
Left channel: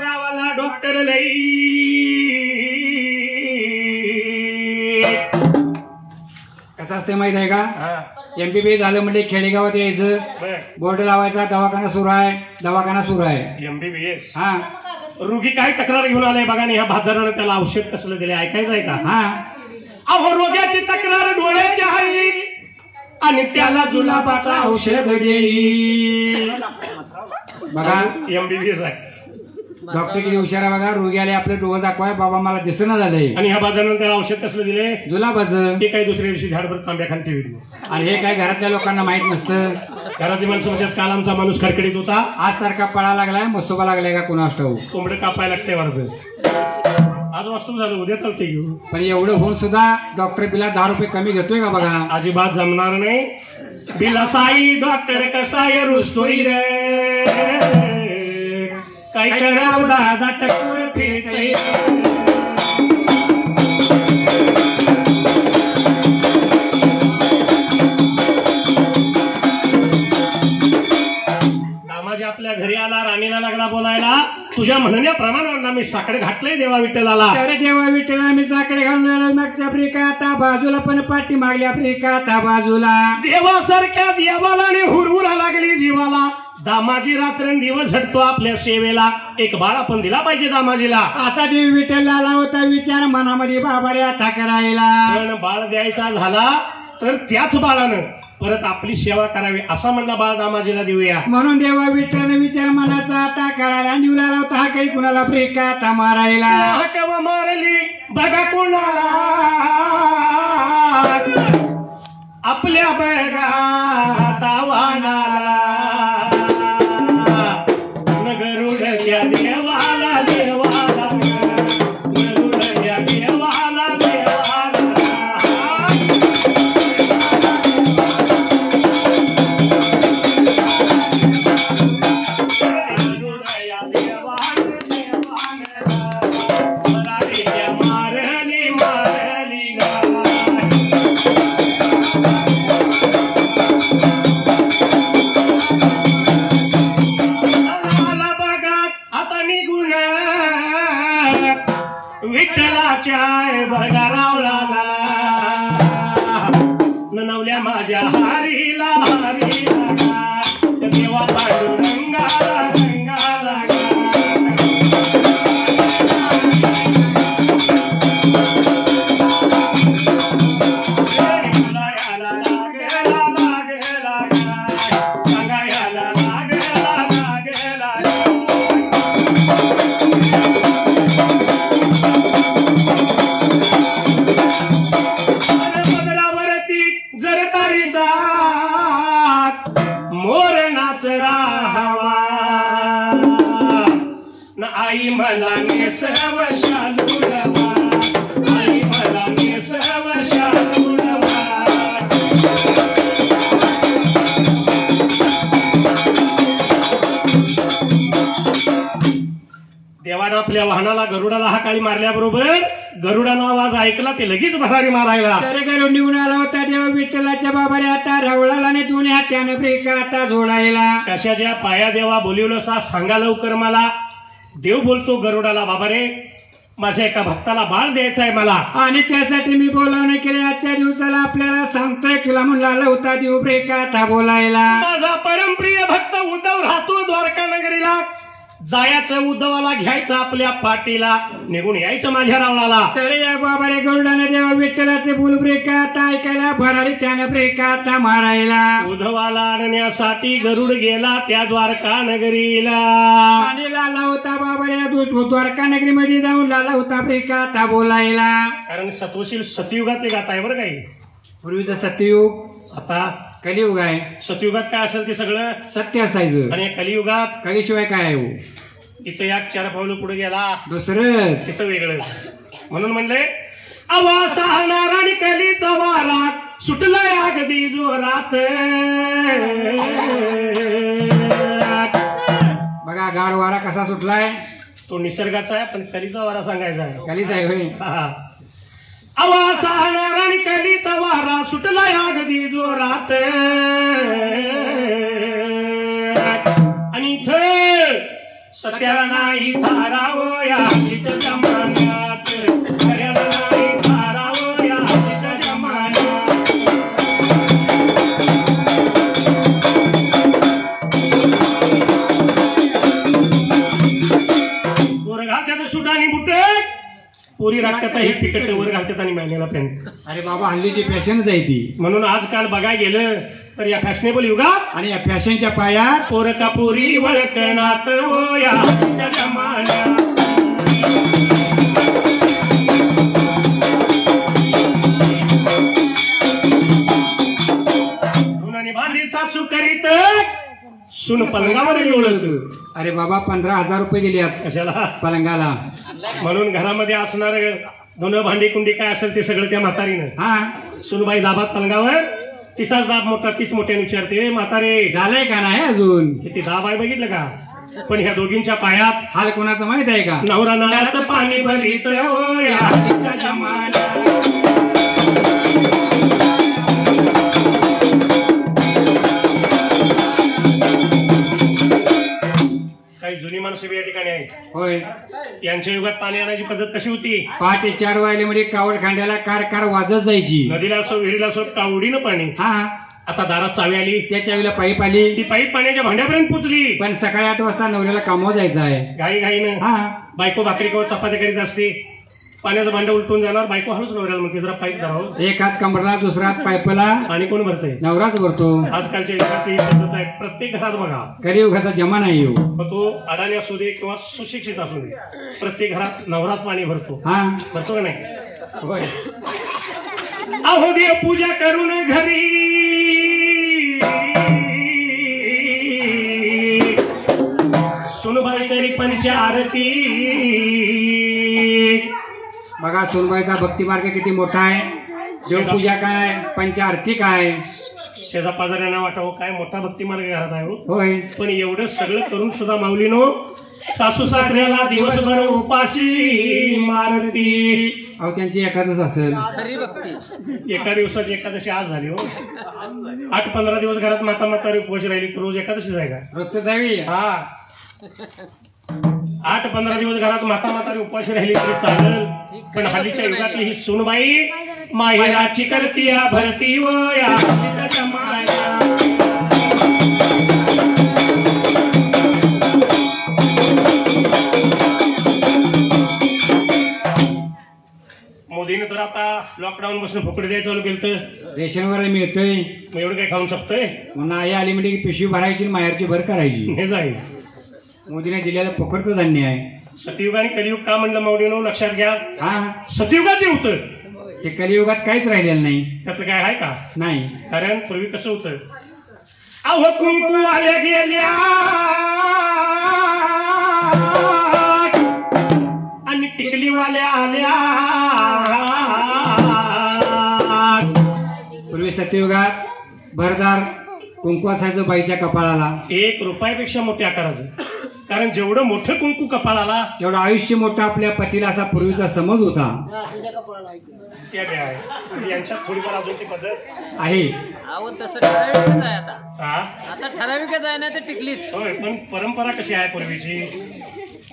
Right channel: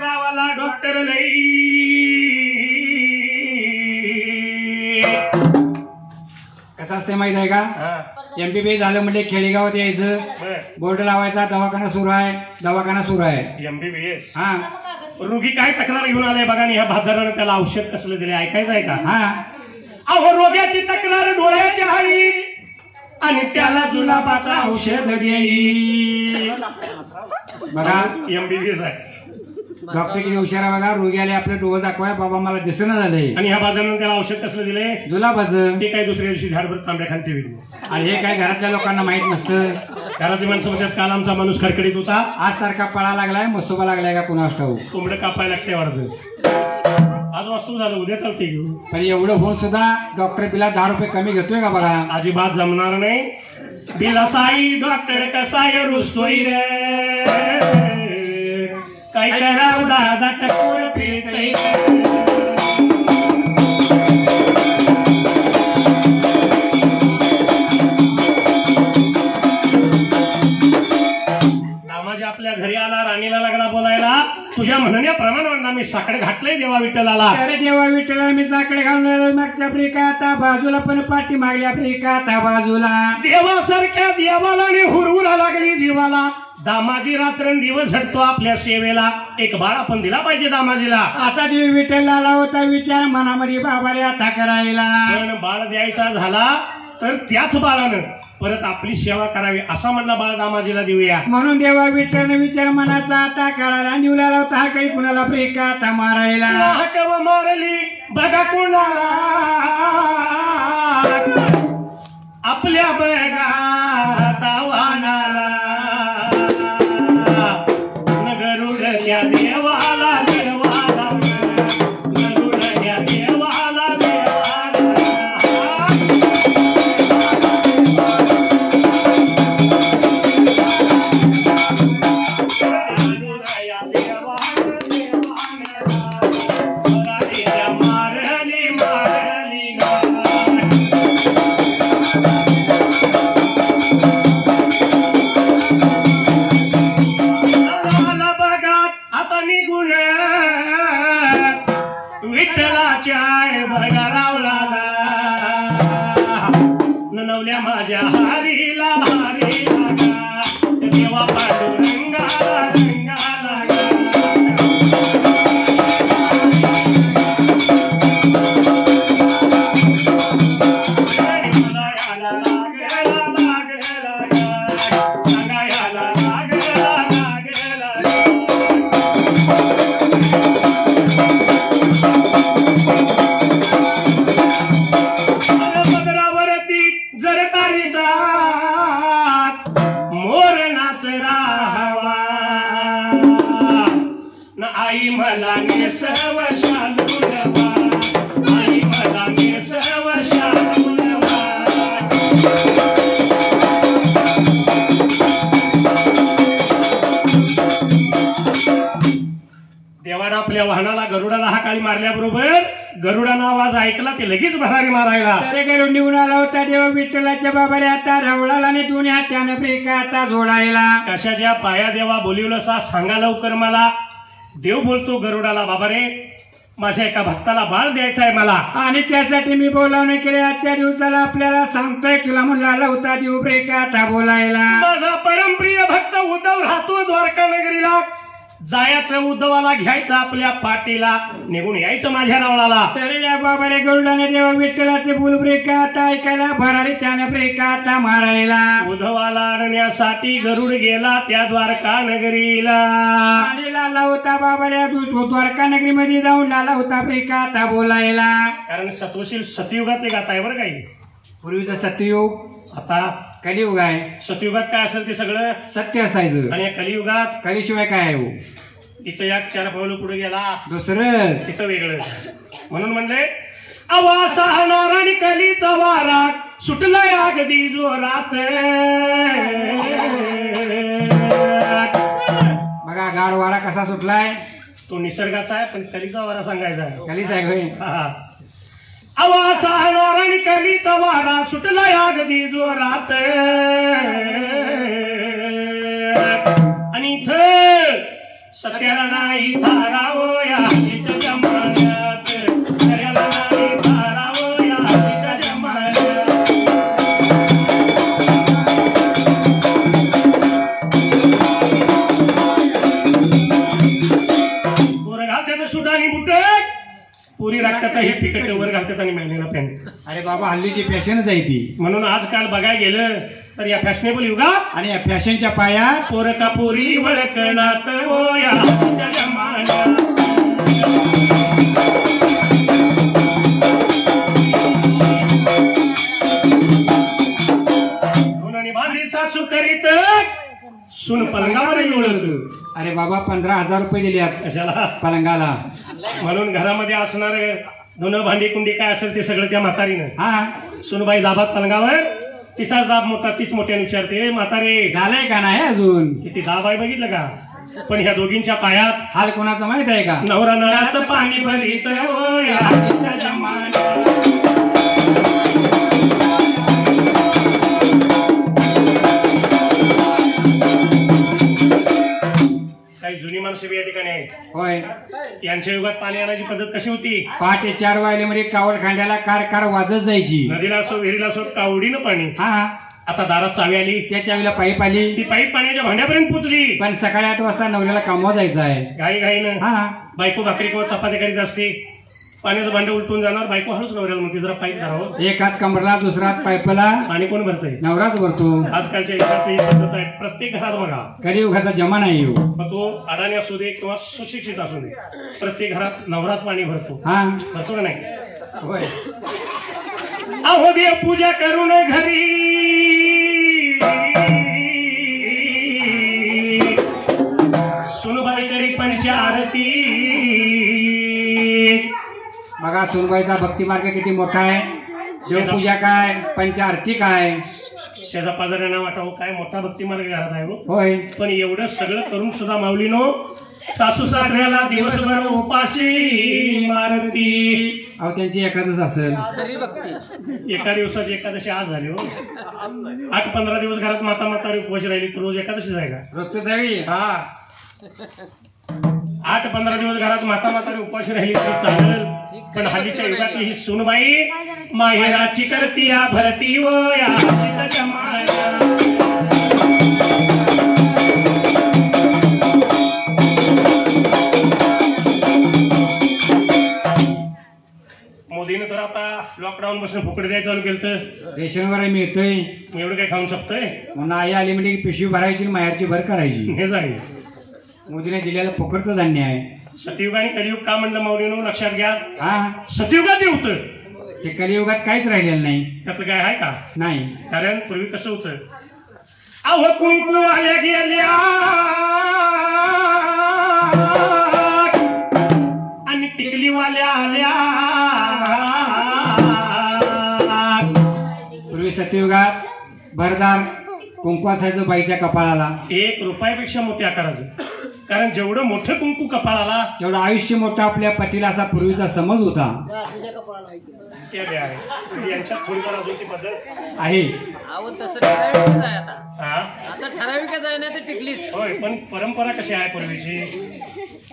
गावाला डॉक्टर लई, कसं असते माहित आहे का, हा MBBS झालं म्हणजे खेडेगावात यायचं, बर बोर्ड लावायचा, दवाखाना सुरू आहे. MBBS. हा रोगी काय तक्रार घेऊन आलाय बघा, आणि ह्या भादरानं त्याला औषध कसलं दिले ऐकायचं आहे का. हा अहो रोग्याची तक्रार डोळ्याच्या हवी आणि त्याला जुलाबाचा औषध देई. बघा MBBS आहे. डॉक्टर किती हुशार आहे बघा, रोग्याला आपलं डोळ दाखवाय, बाबा मला दिसणं झालंय, आणि ह्या भादरानं त्याला औषध कसलं दिले, जुलाबाचं. ते काही दुसऱ्या दिवशी झाडभर तांब्या खाली ठेवली. आणि हे काय घरातल्या लोकांना माहित नसतं. घरातील माणसं म्हणतात काल आमचा माणूस खडखडीत होता, आज सारखा पळा लागलाय, मसोबा लागलाय का कुणास ठाऊक. कोंबडं कापायला लागते वाटत. आज वास्तू झालं, उद्या चालते घेऊ. पण एवढं होऊन सुद्धा डॉक्टर बिला 10 रुपये कमी घेतोय का बघा. अजिबात जमणार नाही. बिलासाई डॉक्टर कसाय रुसतोय रे, काय करावं दादा टकूर फिरतय. तुम्ही साकडे घातलंय देवा विठ्ठलाला. तर देवा विठ्ठला मी साकडे घालणार मागच्या आफ्रिका आता बाजूला पण पाठी मागली आफ्रिका आता बाजूला. देवासारख्या देवाला आणि हुरहुरा लागली जीवाला. दामाजी रात्रंदिवस झटतो आपल्या सेवेला. एक बाळ आपण दिला पाहिजे दामाजीला. असा देव विठ्ठल आला होता विचार मनामध्ये बाबा रे आता करायला. पण बाळ द्यायचा झाला तर त्याच बाळानं परत आपली सेवा करावी असा म्हणला बाळ दामाजीला देऊया. म्हणून देवा विठ्ठल विचार मनाचा आता करायला निवला होता हा काही कुणाला आफ्रिका आता मारायला. हाकव मारली बघा कुणाला आपल्या बघा तावानाला. गरुडच्या देवाला देवाला गरुडच्या देवाला देवाला. गरुडच्या देवाला देवाला राणीच्या मारली मारली गा. विठ्ठलाच्या बघा रावला नवल्या माझ्या हारीला हारीला देवा पांडुरंगाला रंगाला. आई मला नेसव शालूडवा आई मला नेसव शालूडवा. देवानं आपल्या वाहनाला गरुडाला हाकाळी मारल्याबरोबर गरुडानं आवाज ऐकला ते लगेच भरारी मारायला. तर गरुड निघून आला होता देवा विठ्ठलाच्या बाबारे आता रावळाला आणि दोन्ही हात्याने आफ्रिका आता जोडायला. कशाच्या पाया देवा बोलिवलं सा सांगा लवकर मला. देव बोलतो गरुडाला बाबा रे माझ्या एका भक्ताला बाळ द्यायचा आहे मला आणि त्यासाठी मी बोलावणे केले. आजच्या दिवसाला आपल्याला सांगतोय तुला म्हणला होता देव आफ्रिका आता बोलायला. माझा परमप्रिय भक्त उद्धव राहतो द्वारका नगरीला. जायचं उद्धवाला घ्यायचं आपल्या पाठीला निघून यायचं माझ्या रावणाला. तर या बाबारे गरुडाने देवा विठ्ठलाचे बोल आफ्रिका आता ऐकायला भरारी त्याने आफ्रिका आता मारायला. उद्धवाला आणण्यासाठी गरुड गेला त्या द्वारका नगरीला. आणि लाला होता बाबारे द्वारका नगरीमध्ये जाऊन लाला होता आफ्रिका आता बोलायला. कारण सत्वशील सतयुगातले गात आहे बरं काही. पूर्वीचं सत्ययुग आता कलियुग आहे. सतयुगात काय असेल ते सगळं सत्य असायचं आणि कलियुगात कलिशिवाय काय आहे हो? तिचं एक 4 पावलं पुढे गेला दुसरं तिचं वेगळं. म्हणून म्हणले आवासा हाणार आणि कलीचा वारा सुटलाय अगदी जोरात. बघा गार वारा कसा सुटलाय. तो निसर्गाचा आहे पण कलीचा वारा सांगायचा आहे. कलीच आहे होय. आवासा हाणार आणि कलीचा वारा सुटलाय अगदी जोरात. आणि इथं सत्याला नाही थारावं या हल्लीच्या जमान्यात. खऱ्याला नाही थारावं या हल्लीच्या जमान्यात. वर घालतात सुटानी बुटक पुरी राखतात हे पिकट वर घालतात आणि महिन्याला पॅन्ट. अरे बाबा हल्लीची फॅशनच आहे ती. म्हणून आजकाल बघायला गेलं तर या फॅशनेबल युगात आणि या फॅशनच्या पायात पोरका पोरी वळकनात हो या हल्लीच्या जमान्यात. धुनानी भांडी सासू करीत सुन पलंगावर ओळखत. अरे बाबा 15,000 रुपये दिले कशाला पलंगाला. म्हणून घरामध्ये असणार धुणं भांडी कुंडी काय असेल ते सगळं त्या म्हातारीनं. हा सुनबाई दाबात पलंगावर तिचाच दाब मोठा तीच मोठ्याने विचारते म्हातारे झालंय का नाही अजून. किती दाब आहे बघितलं का. पण ह्या दोघींच्या पायात हाल कोणाचं माहित आहे का. नवरा नवऱ्याचं पाणी भरीत हो या हल्लीच्या जमान्यात. काही जुनी माणसं बी या ठिकाणी आहेत. होय यांचं त्यांच्या युगात पाणी आणायची पद्धत कशी होती? पहाटे 4 वाजल्यामध्ये कावड खांद्याला कार कार वाजत जायची. नदीला असो विहिरीला असो कावडीनं पाणी. हा, आता दारात चावी आली, त्याच्या वेळेला पाईप आली. ती पाईप पाण्याच्या भांड्यापर्यंत पोचली. पण सकाळी 8 वाजता नवऱ्याला कामावर जायचं आहे. घाई घाईनं हा, बायको भाकरी किंवा चपाती करीत असते. पाण्याचं भांडं उलटून जाणार, बायको हळूच नवऱ्याला म्हणते जरा पाईप धरावं. एक हात कमरला, दुसरा हात पाईपला. पाणी कोण भरतंय? नवराच भरतो. आजकालच्या युगात ही पद्धत आहे. प्रत्येक घरात बघा, कलियुगाचा जमाना येऊ. मग तो अडाणी असू दे किंवा सुशिक्षित असू दे, प्रत्येक घरात नवराच पाणी भरतो. हा, भरतो का नाही? होय. अहो देव पूजा करून घरी सुनबाई तरी पंच आरती. बघा सोनबाईचा भक्ती मार्ग किती मोठा आहे. देवपूजा काय, पंचारती काय. शेजा पाजाऱ्यांना वाटावं काय मोठा भक्ती मार्ग घरात आहे हो. होय. पण एवढं सगळं करून सुद्धा माऊलीनो सासू सासऱ्याला दिवसभर उपाशी मारती. अहो त्यांची एखादच असेल. खरी भक्ती. एका दिवसाची एकादशी आज झाली हो. 8-15 दिवस घरात माता म्हातारी उपवास राहिली, रोज एकादशी जायला. रोजचं जावी. हा, 8-15 दिवस घरात माता म्हातारी उपाशी राहिली तरी चालेल. पण हल्लीच्या युगातली ही सुनबाई माहेराची करतीया भरती व या तिच्या माया. मोदीने तर आता लॉकडाऊन पासून फुकट द्यायचं चालू केलं तर रेशनवर मिळतोय. मग एवढं काय खाऊ शकतोय? म्हणून आई आली म्हणजे पिशवी भरायची आणि माहेरची भर करायची. हे जाईल. मोदीने दिलेलं फुकटचं धान्य आहे. सतयुग आणि कलियुग का म्हणलं माऊलीनो लक्षात घ्या. हा, सतयुगाचे होतं ते कलियुगात काहीच राहिलेलं नाही. त्यातलं काय आहे का? नाही. कारण पूर्वी कसं होतं, अहो कुंकू आल्या गेल्या आणि टिकलीवाल्या आल्या. पूर्वी सत्ययुगात भरदार कुंकू असायचं बाईच्या कपाळाला. 1 रुपयापेक्षा मोठ्या आकाराचं. कारण जेवढं मोठं कुंकू कपाळाला तेवढं आयुष्य मोठं आपल्या पतीला असा पूर्वीचा समज होता. त्या द्या आहे. यांच्यात थोडीफार अजूनची पद्धत आहे. अहो तसं ठराविकच आहे आता. हा, आता ठराविकच आहे ना ते टिकलीच. होय. पण परंपरा कशी आहे पूर्वीची?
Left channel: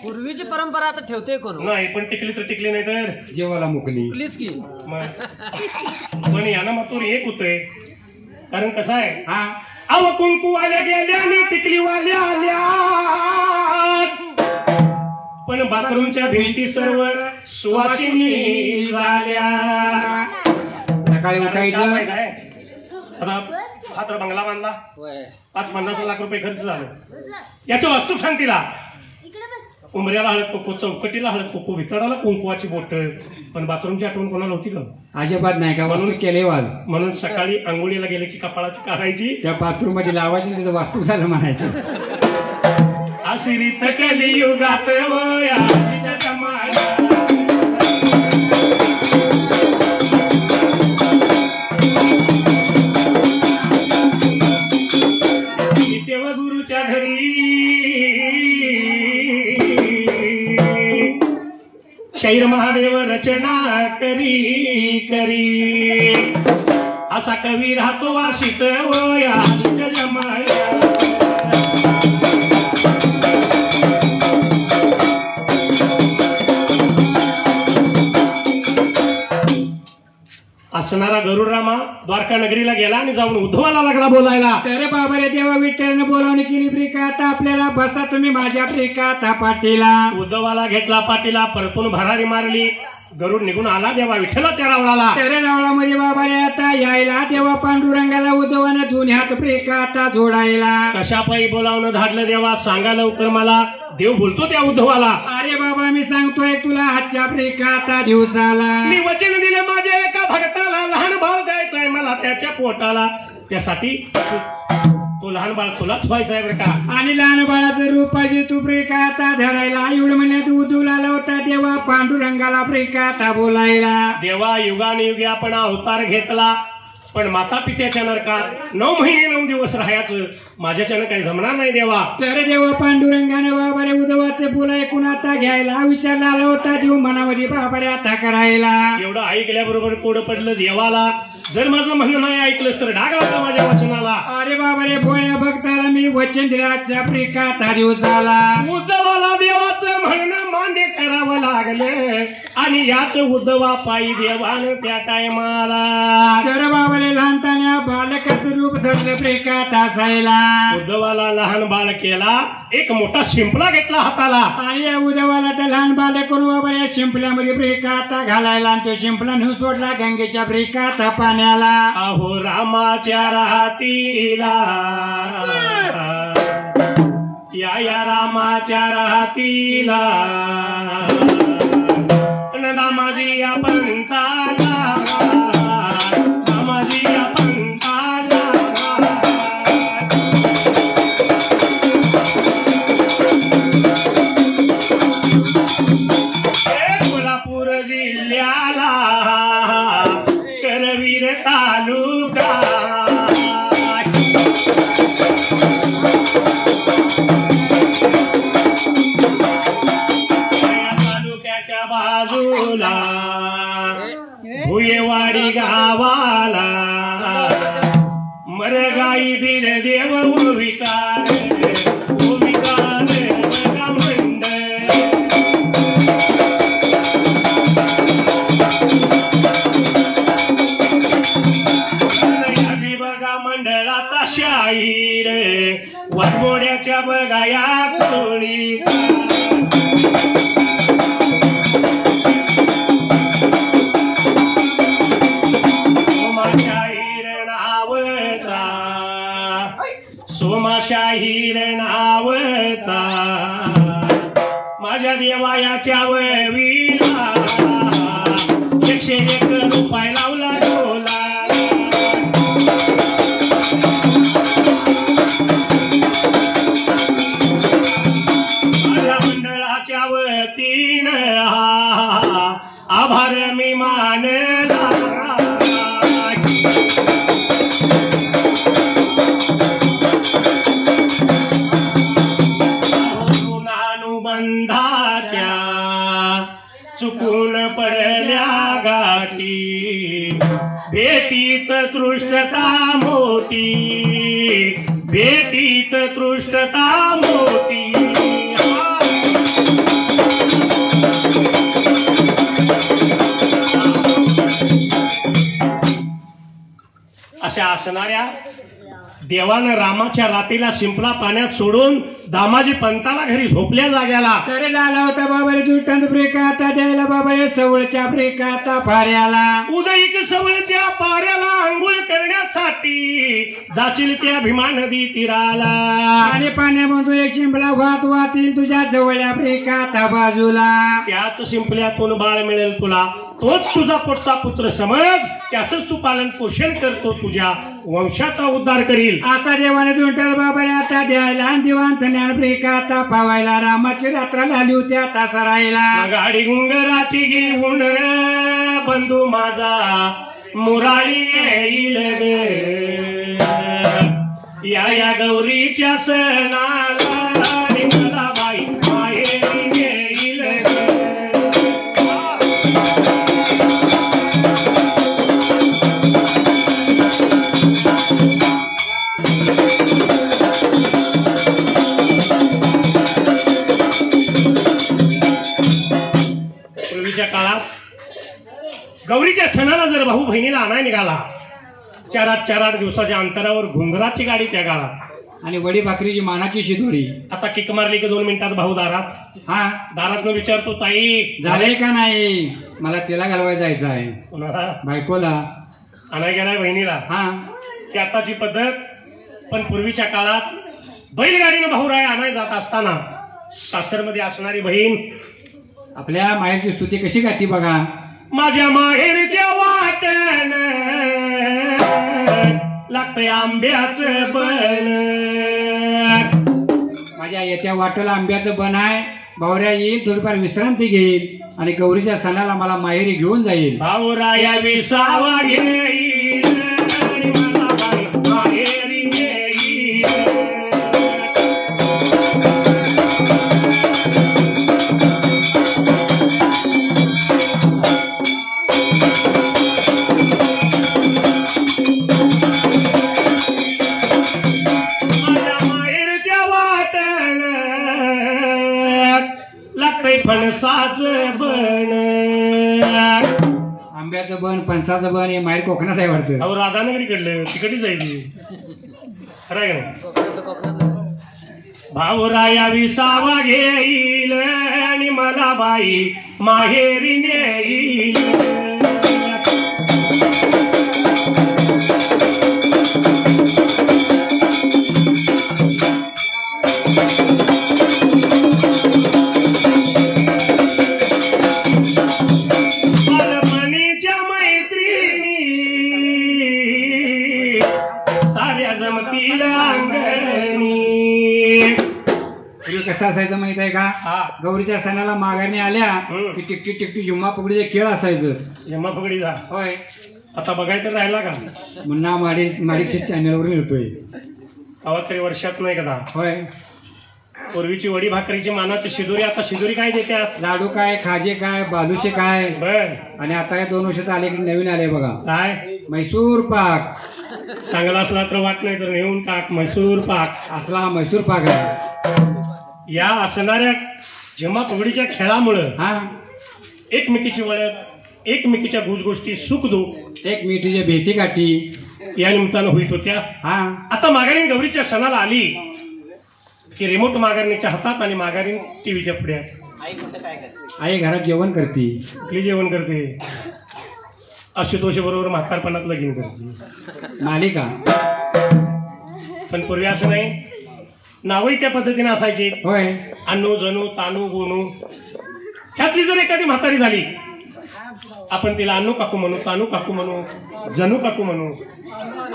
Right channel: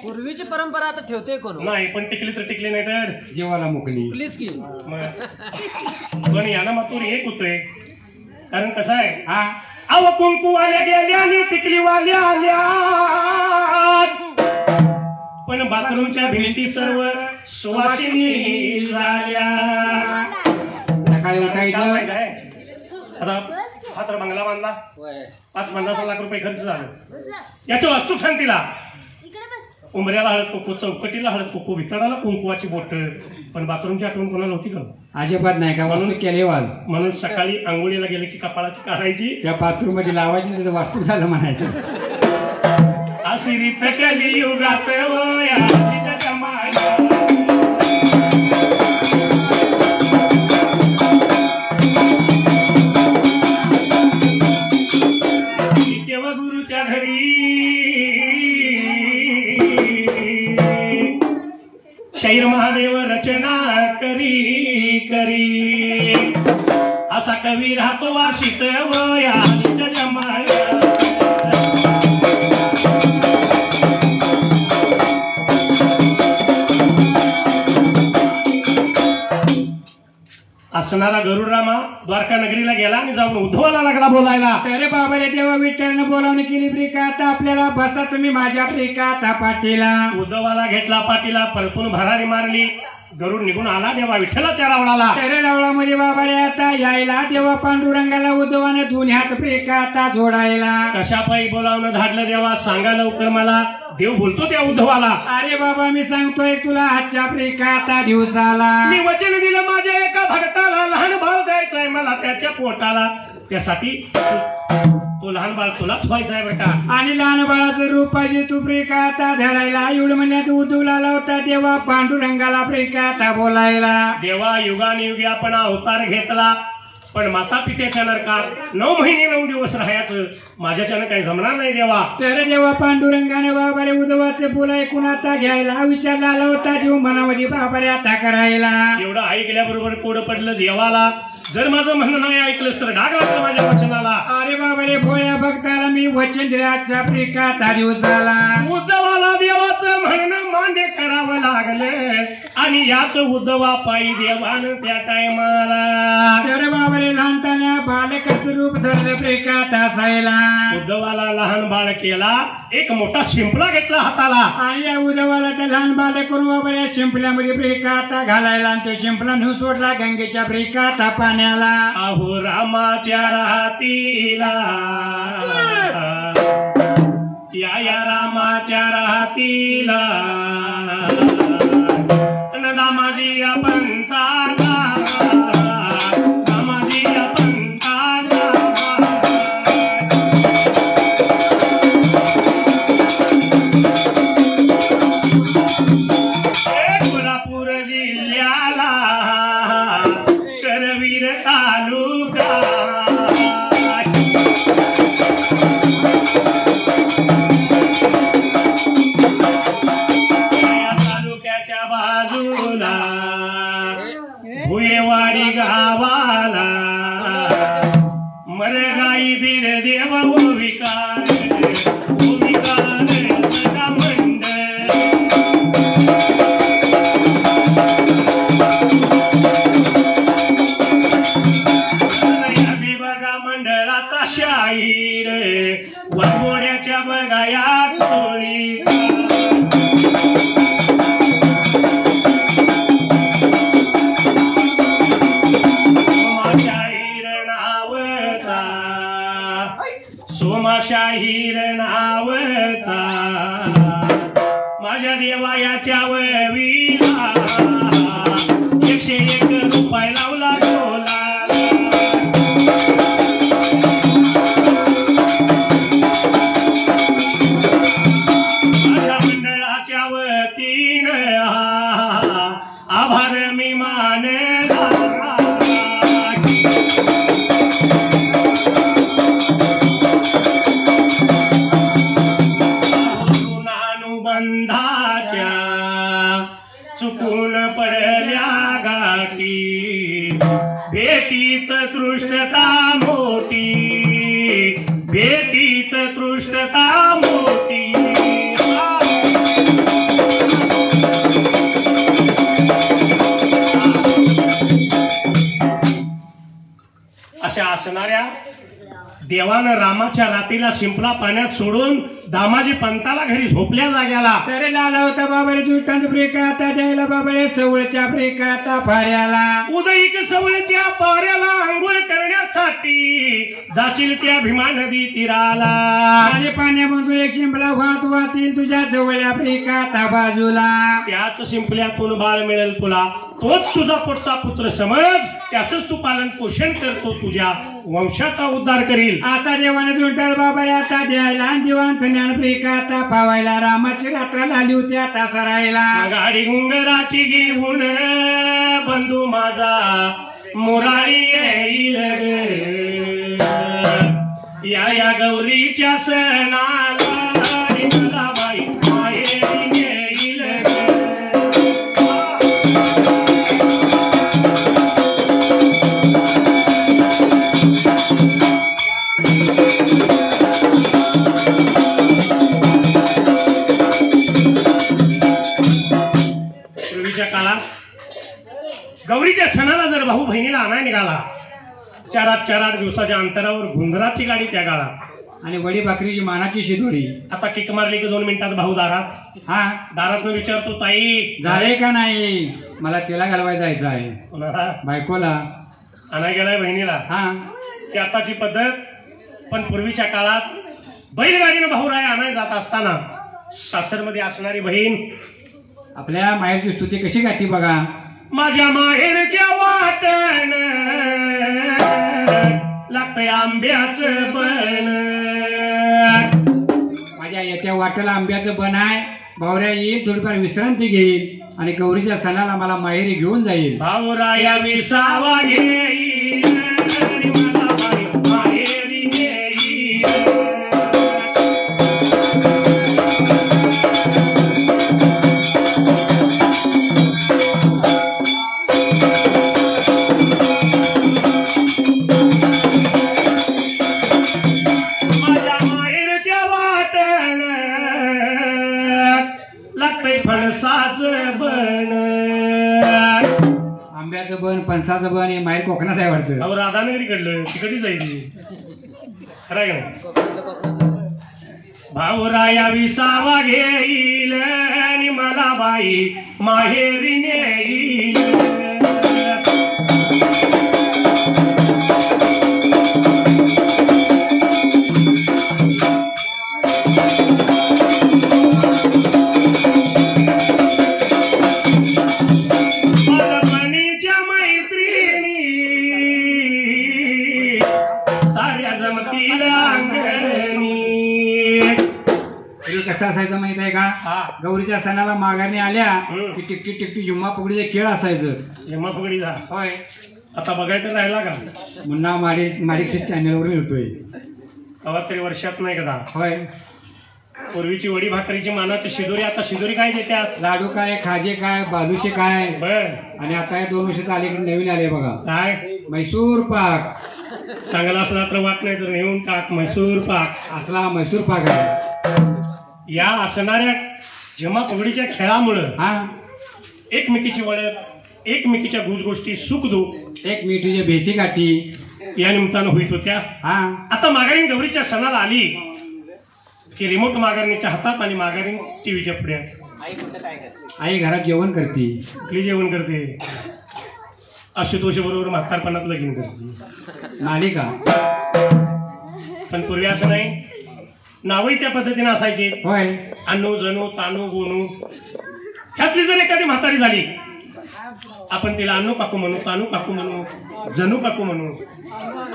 पूर्वीची परंपरा आता ठेवते कोण? नाही, पण टिकली तर टिकली नाही तर जेवाला मुकली. टिकलीच की. मग पण यानं मात्र एक होतोय. कारण कसं आहे, हा, अव कुंकू आल्या गेल्या आणि टिकलीवाल्या आल्या. पण बाथरूमच्या भिंती सर्व सुवासिनी झाल्या. सकाळी उठायचं. आता हा तर बंगला बांधला, होय. 5-50 लाख रुपये खर्च झालं. याच्या वस्तू शांतीला उमऱ्याला हळद कुंकू, चौकटीला हळद कुंकू, वितळाला कुंकुवाची बोट. पण बाथरूमची आठवण कोणाला होती का? अजिबात नाही. का म्हणून केले वाज. म्हणून सकाळी आंघोळीला गेले की कपाळाची काढायची, त्या बाथरूम मध्ये लावायची, त्याचं वास्तू झालं म्हणायचं. आशिरीत कलियुगात वया तिच्या जमान्यात. देव गुरुच्या घरी शैर महादेव रचना करी करी. असा कवी राहतो वाशित वया तिच्या जमान्यात. असणारा गरुडरामा द्वारका नगरीला गेला आणि जाऊन उद्धवाला लागला बोलायला. तर बाबा रे देवा विठ्ठलनं बोलावणी केली. प्रिकाता आपल्याला बसा तुम्ही माझ्या प्रिकाता पाटीला. उद्धवाला घेतला पाठीला, परतून भरारी मारली. गरुड निघून आला, देवा विठ्ठलाच्या रावळाला. तर रावळा म्हणजे बाबा रे आता यायला देवा पांडुरंगाला उद्धवाने दोन्ही हात प्रिकाता जोडायला. कशा पायी बोलावणं धाडलं देवा, सांगा लवकर मला. देव बोलतो त्या उद्धवाला, अरे बाबा मी सांगतोय तुला आजच्या प्रिकाता दिवसाला. मी वचन दिलं माझ्या एका भक्ताला, लहान बाळ द्यायचंय मला त्याच्या पोटाला. त्यासाठी तो लहान बाळ तुलाच व्हायचा आहे बेटा. आणि लहान बाळाचं रूप पाहिजे तू प्रिकाता धरायला. एवढं म्हणण्यात उद्धवला लावता देवा पांडुरंगाला प्रिकाता बोलायला. देवा युगानुयुगी आपण अवतार घेतला. पण माता पित्याच्या नरकात 9 महिने 9 दिवस राहायचं माझ्याच्यानं काही जमणार नाही देवा. तर जेव्हा पांडुरंगाने बाबारे उद्धवाचे फुलं ऐकून आता घ्यायला विचार आला होता जीव मनामध्ये बाबारे आता करायला. एवढं ऐकल्याबरोबर कोड पडलं देवाला. जर माझं म्हणणं नाही ऐकलंस तर डाग लागला माझ्या वचनाला. अरे बाबारे भोळ्या भक्ताला मी वचन दिल्याचा प्रिकाता दिवसाला. उद्धवाला देवाचं म्हणणं मान्य करावं लागलं आणि याच उद्धवा पायी देवानं त्या टायमाला तर बाबारे लहानताना बालकाचं रूप धरलं प्रिकाता सायला. उद्धवाला लहान बाळ केला. एक मोठा शिंपला घेतला हाताला आणि या उद्धवाला त्या लहान बालक करून बाबारे शिंपल्यामध्ये प्रिकाता घालायला आणि तो शिंपला नेऊन सोडला गंगेच्या प्रिकाता पाण्याला. अहो रामाच्या राहतीला या रामाच्या राहतीला दामाजी या पंताला दामाजी या पंताला कोल्हापूर जिल्ह्याला करवीर तालुका तालुक्याच्या बाजूला भुयेवाडी गावाला मरगाई बीर देव ओविकार मंडळ बघा मंडळाचा शाहीर वाघोड्याच्या बघा या कोळी सोमाशाहीर नावचा माझ्या देवायाच्या ववीला 101 रुपये लावला डोला. माझ्या मंडळाच्या वतीनं आभार मी मानला. बंधाच्या चुकून पडल्या गाठी भेटीत तृष्टता मोठी भेटीत तृष्टता मोठी. अशा असणाऱ्या देवानं रामाच्या रातीला शिंपला पाण्यात सोडून दामाजी पंताला घरी झोपल्या जाग्याला. तर लाला होता बाबारे दुष्टांत प्रिकाता द्यायला बाबारे सवळच्या प्रिकाता फाऱ्याला. उदयिक सवळच्या पाऱ्याला आंघोळ करण्यासाठी जाशील त्या भीमा नदी तीराला. आणि पाण्यामधून एक शिंपला वाहत वाहतील तुझ्या जवळच्या प्रिकाता बाजूला. त्याच शिंपल्यातून बाळ मिळेल तुला. तोच तुझा पोटचा पुत्र समज. त्याच तू पालन पोषण करतो. तुझ्या वंशाचा उद्धार करील. आता देवाने दुष्टांत बाबारे आता द्यायला आणि दिवाण धन्यान प्रिकाता पावायला. रामाची रात्र आली होती आता सरायला. गाडी गुंगराची घेऊन बंधू माझा मुरारी येईल या गौरीच्या सणाला. मला बाई माहेरी येईल पूर्वीच्या काळात गौरीच्या सणाला जर भाऊ बहिणीला आणाय निघाला 4-8 दिवसाच्या अंतरावर घुंगराची गाडी त्या काळात आणि वडी भाकरीची मानाची शिदोरी. आता किक मारली की 2 मिनिटात भाऊ दारात. हा दारातनं विचारतो ताई झाले का नाही. मला तिला घालवायला जायचं आहे. कोणाला बायकोला आणाय गेलाय बहिणीला. हा ती आताची पद्धत. पण पूर्वीच्या काळात बैलगाडीनं भाऊ राय आणाय जात असताना सासरमध्ये असणारी बहीण आपल्या माहेरची स्तुती कशी गाठी बघा. माझ्या माहेरच्या वाटण लागतंय आंब्याचं बन. माझ्या येत्या वाटेला आंब्याचं बन आहे. भावऱ्या येईल थोडीफार विश्रांती घेईल आणि गौरीच्या सणाला मला माहेरी घेऊन जाईल. भाऊराया विसावा घेईल महाराष्ट्राचं बन हे माहेर कोकणात आहे वाटतं. अहो राधानगरी कडलं ती कधी जाईल खरं आहे का नाही? कोकणातलं कोकणातलं. भाऊराया विसावा घेईल आणि मला बाई माहेरी नेईल. बालपणीच्या मैत्रिणी साऱ्या जमतील अंगणी. पूर्वी कसं असायचं माहित आहे का? हा गौरीच्या सणाला माघारणी आल्या हम्म. की टिकटी टिकटी जुम्मा फुगडीचे खेळ असायचं. जेव्हा फुगडीचा होय, आता बघायचं राहिला का? मुन्ना माडिकच्या चॅनलवर मिळतोय. कवा तरी वर्षात नाही कदा. होय, पूर्वीची वडी भाकरीची मानाची शिदोरी, आता शिदोरी काय देत्यात? लाडू काय, खाजे काय, बालुशे काय, बर आणि आता या 2 वर्षात आले की नवीन आले बघा काय म्हैसूर पाक. चांगला असला तर वाट नाही तर घेऊन टाक म्हैसूर पाक. असला म्हैसूर पाक आहे. या असणाऱ्या जेव्हा फुगडीच्या खेळामुळं हा, एकमेकीची वळख, एकमेकीच्या गोष्टी सुख दुःख एक मिठीच्या भेटी गाठी. या निमित्तानं होईत होत्या. हा, आता माघारीन गौरीच्या सणाला आली की रिमोट माघारणीच्या हातात आणि माघारीन टीव्हीच्या पुढे आई घरात जेवण करते. कुठली जेवण करते? आशुतोष बरोबर म्हातारपणात लगीन करते. मालिका. पण पूर्वी असं नाही, नावही त्या पद्धतीने असायची. होय, अनु जणू तानू गोनू. ह्यातली जर एखादी म्हातारी झाली आपण तिला अनु काकू म्हणू, तानू काकू म्हणू, जणू काकू म्हणू.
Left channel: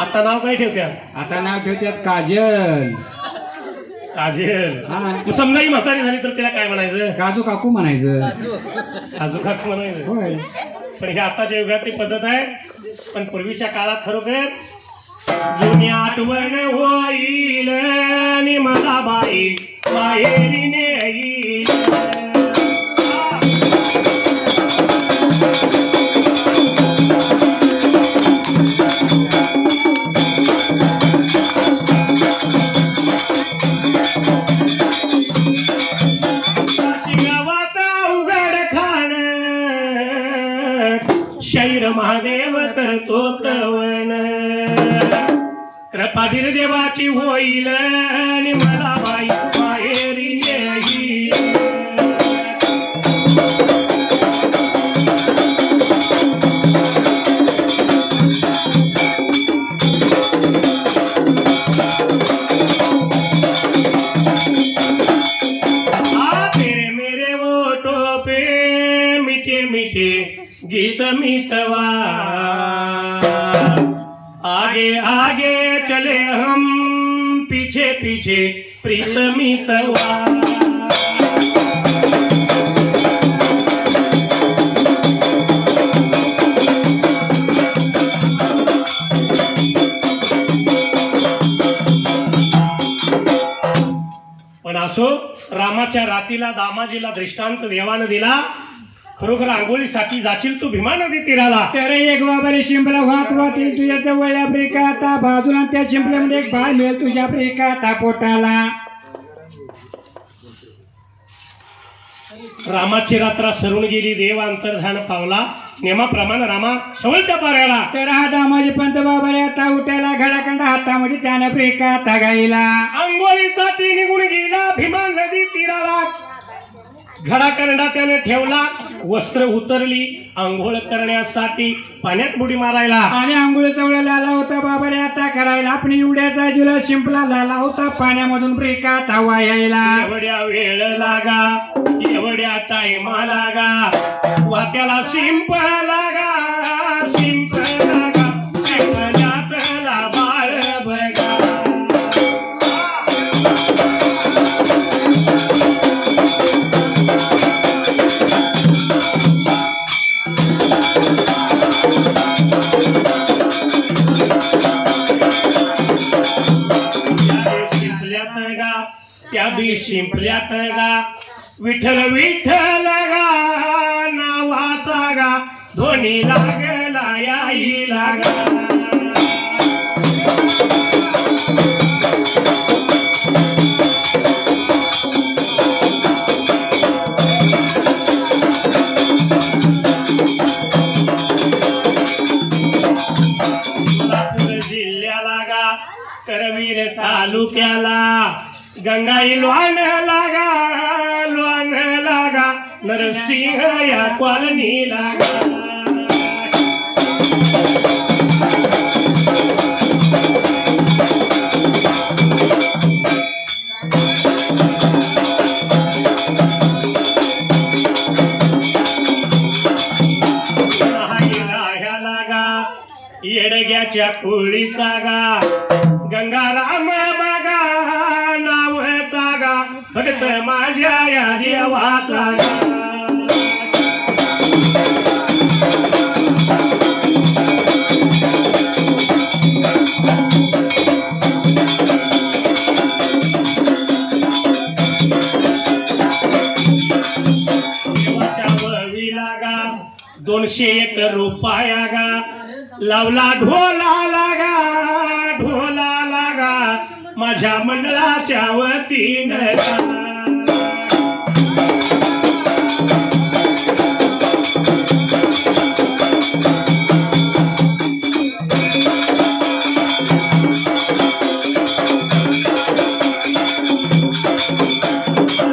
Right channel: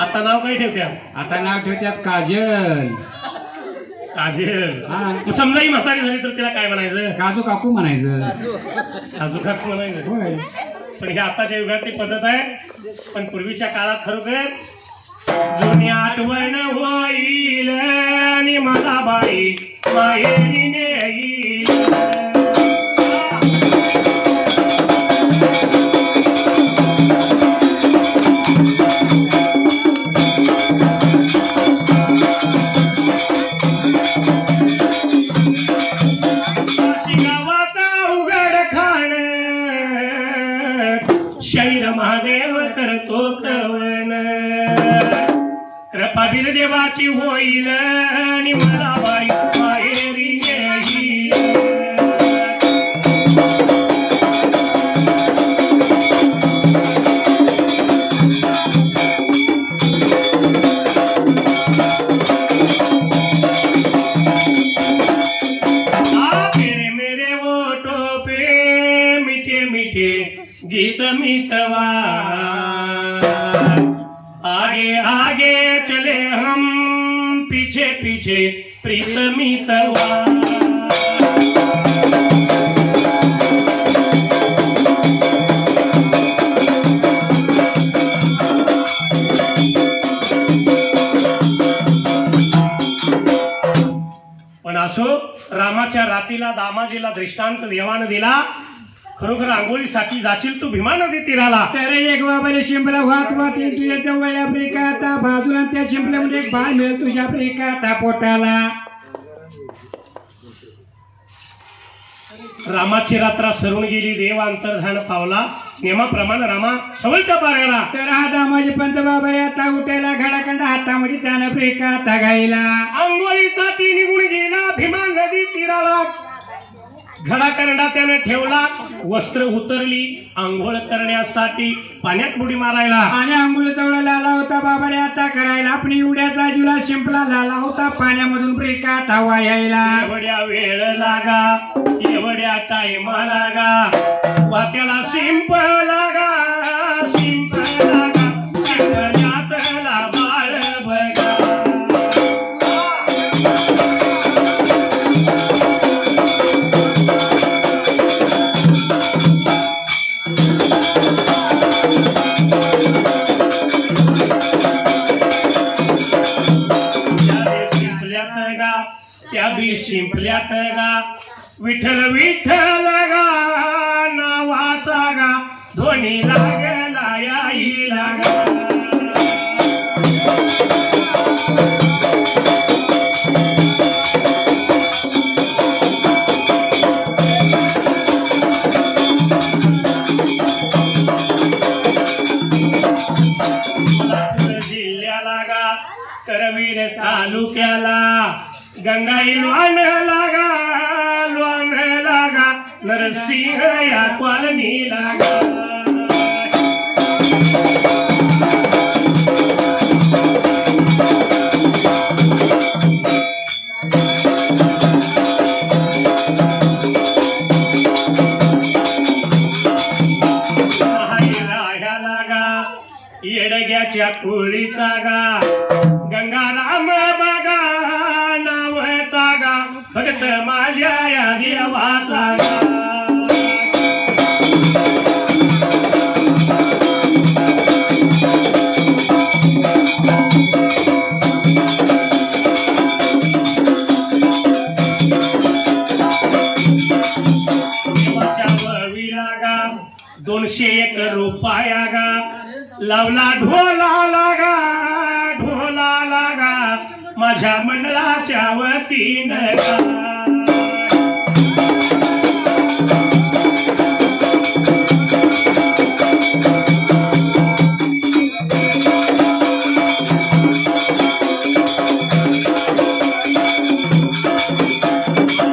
आता नाव काय ठेवत्या? आता नाव ठेवतात काजल. काजल. हा, मग समजा ही म्हातारी झाली तर तिला काय म्हणायचं? काजू काकू म्हणायचं. काजू काकू म्हणायचं. होय, पण ही आताच्या युगातली पद्धत आहे. पण पूर्वीच्या काळात खरोखर जुनी आठवण होईल आणि मला बाई माहेरी नेईल. गावात उघड खाण शैर महादेव करतो कवन. कृपाधीर देवाची होईल आणि मला बाई माहेरी नेईल. तेरे मेरे वोटों पे मीठे मीठे गीत मितवा. आगे आगे चले हम पीछे पीछे प्रीत मितवा. पण असो, रामाच्या रातीला दामाजीला दृष्टांत देवानं दिला. खरोखर आंघोळीसाठी जाशील तू भीमा नदी तीराला. तर एक बाबारे शिंपला वाहत वाहतील तुझ्या जवळल्या प्रिका आता बाजूला, त्या शिंपल्यामध्ये एक बाळ मिळेल तुझ्या प्रिका आता पोटाला. रामाची रात्र सरून गेली, देव अंतर्धान पावला. नेमाप्रमाणे रामा सवलच्या पाऱ्याला. तर हा दामाजी पंत बाबारे आता उठायला, घडाखंडा हातामध्ये त्यानं प्रिका आता गायला. आंघोळीसाठी निघून गेला भीमा नदी तीराला. घडा करंडा त्याने ठेवला, वस्त्र उतरली आंघोळ करण्यासाठी पाण्यात बुडी मारायला. आणि आंघोळ चवळा लाला होता बाबारे आता करायला. आपण एवढ्याचा जुला शिंपला लाला होता पाण्यामधून प्रिका आता वायायला. एवढ्या वेळ लागा, एवढ्या टाइमा लागा, वात्याला शिंप लागा, शिंप लागा, शिंपल्यातला बाळ बघा. त्या बी शिंपल्यात गा, विठ्ठल विठ्ठल गा नावाचा गा, धोनी लागला याई लागा. सोलापूर जिल्ह्याला गा करवीर तालुक्याला गंगाई लोण लागा नरसिंह या कॉलनी लागा येडग्याच्या कोळीचा गा गंगाराम बागा नावाचा गा भगत माझ्या या देवाचा गा देवाच्या वळवीला गा 201 रुपया गा लावला ढोला लागा माझ्या मंडळाच्या वतीनं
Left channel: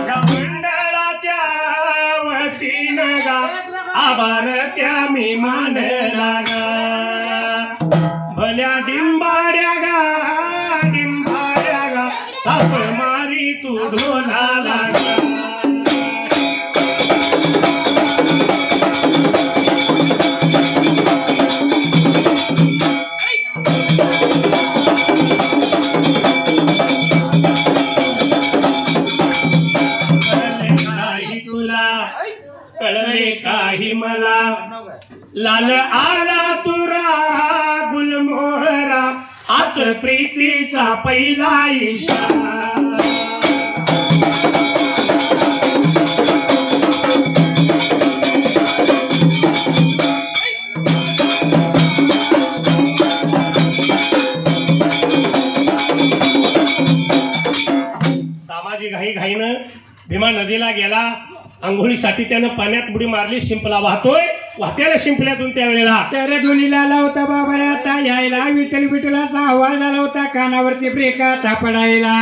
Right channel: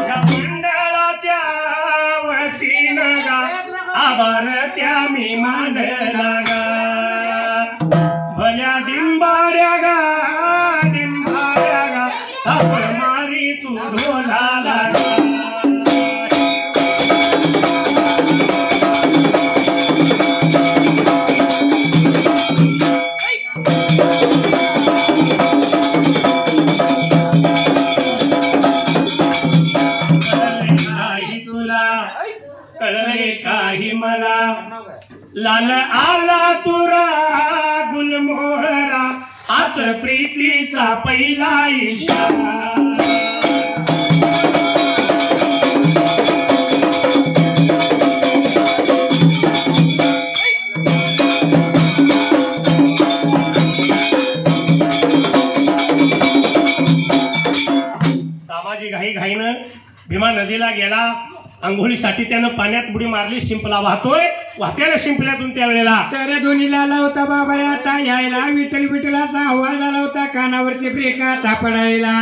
मंडळाच्या वतीनं गा आभार त्या मी मानला गा भल्या डिंबाड्या गा थाप मारी तू ढोलाला काही तुला कळले काही मला लाल आला तुरा गुलमोहरा आज प्रीतीचा पहिला इशारा दामाजी घाईनं भीमा नदीला गेला आंघोळीसाठी त्यानं पाण्यात बुडी मारली शिंपला वाहत्याला शिंपल्यातून त्यावेळेला तर धुनीला लावता बाबा आता यायला विठ्ठल विठ्ठलाचा आवाज आला होता कानावरती ब्रेका तापडायला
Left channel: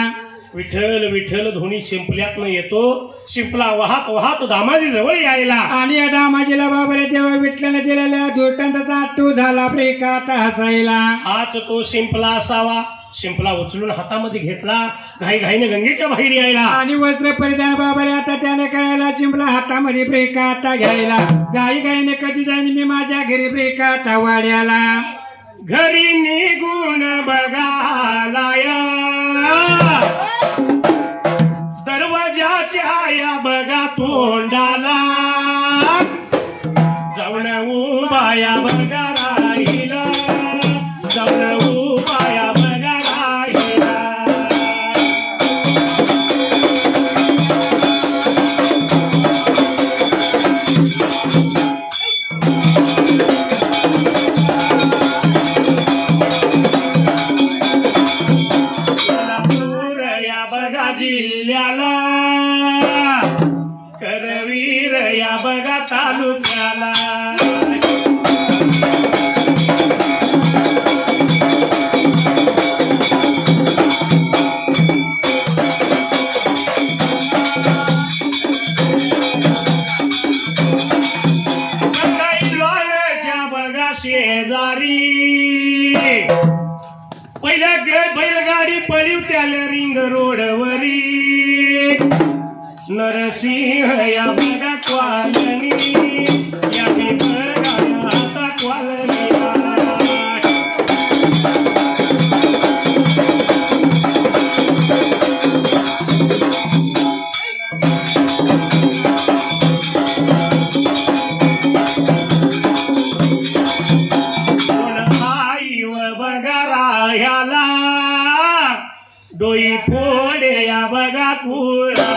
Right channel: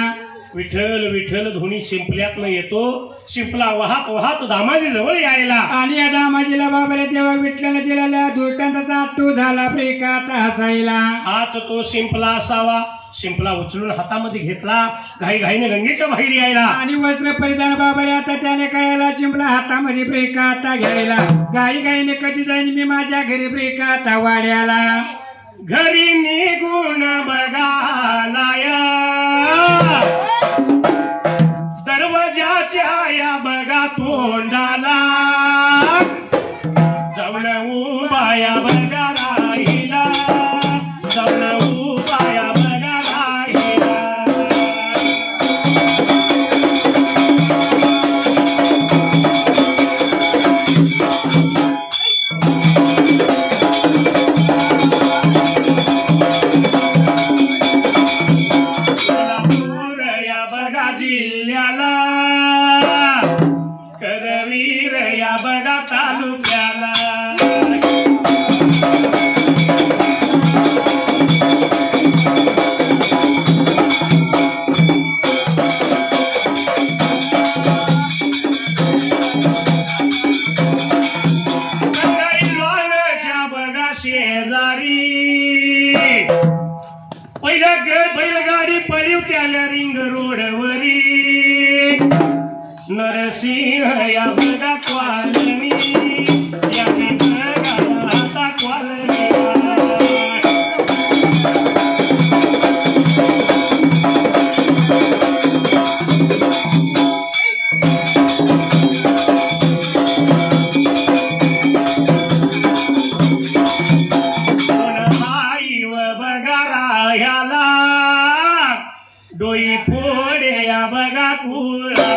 विठ्ठल विठ्ठल धुनी शिंपल्यातनं येतो शिंपला वाहत दामाजी जवळ यायला आणि या दामाजीला बाबाला तेव्हा विठ्ठलाने दिलेल्या दुष्टांताचा अट्टू झाला ब्रेकात हसायला हाच तो शिंपला असावा शिंपला उचलून हातामध्ये घेतला घाईनं गंगेच्या बाहेर यायला आणि वस्त्र परिधान बाबाला आता त्याने करायला शिंपला हातामध्ये ब्रेका आता घ्यायला घाईने कधी जाईन मी माझ्या घरी ब्रेका आता वाड्याला घरी निघून बघालाया दरवाजाच्या या बघा तोंडाला जाऊन उभाया बघा राहिला जाऊन उभाया बघा राहिला जिल्ह्याला करवीर या बघा तालुक्याला बघा शेजारी पहिल्या बैलगाडी पळीव त्याला रिंग रोडवरी नरसिंह या बघा क्वालनी या बघा आता क्वालनी डोई फोडे या बघा कुळा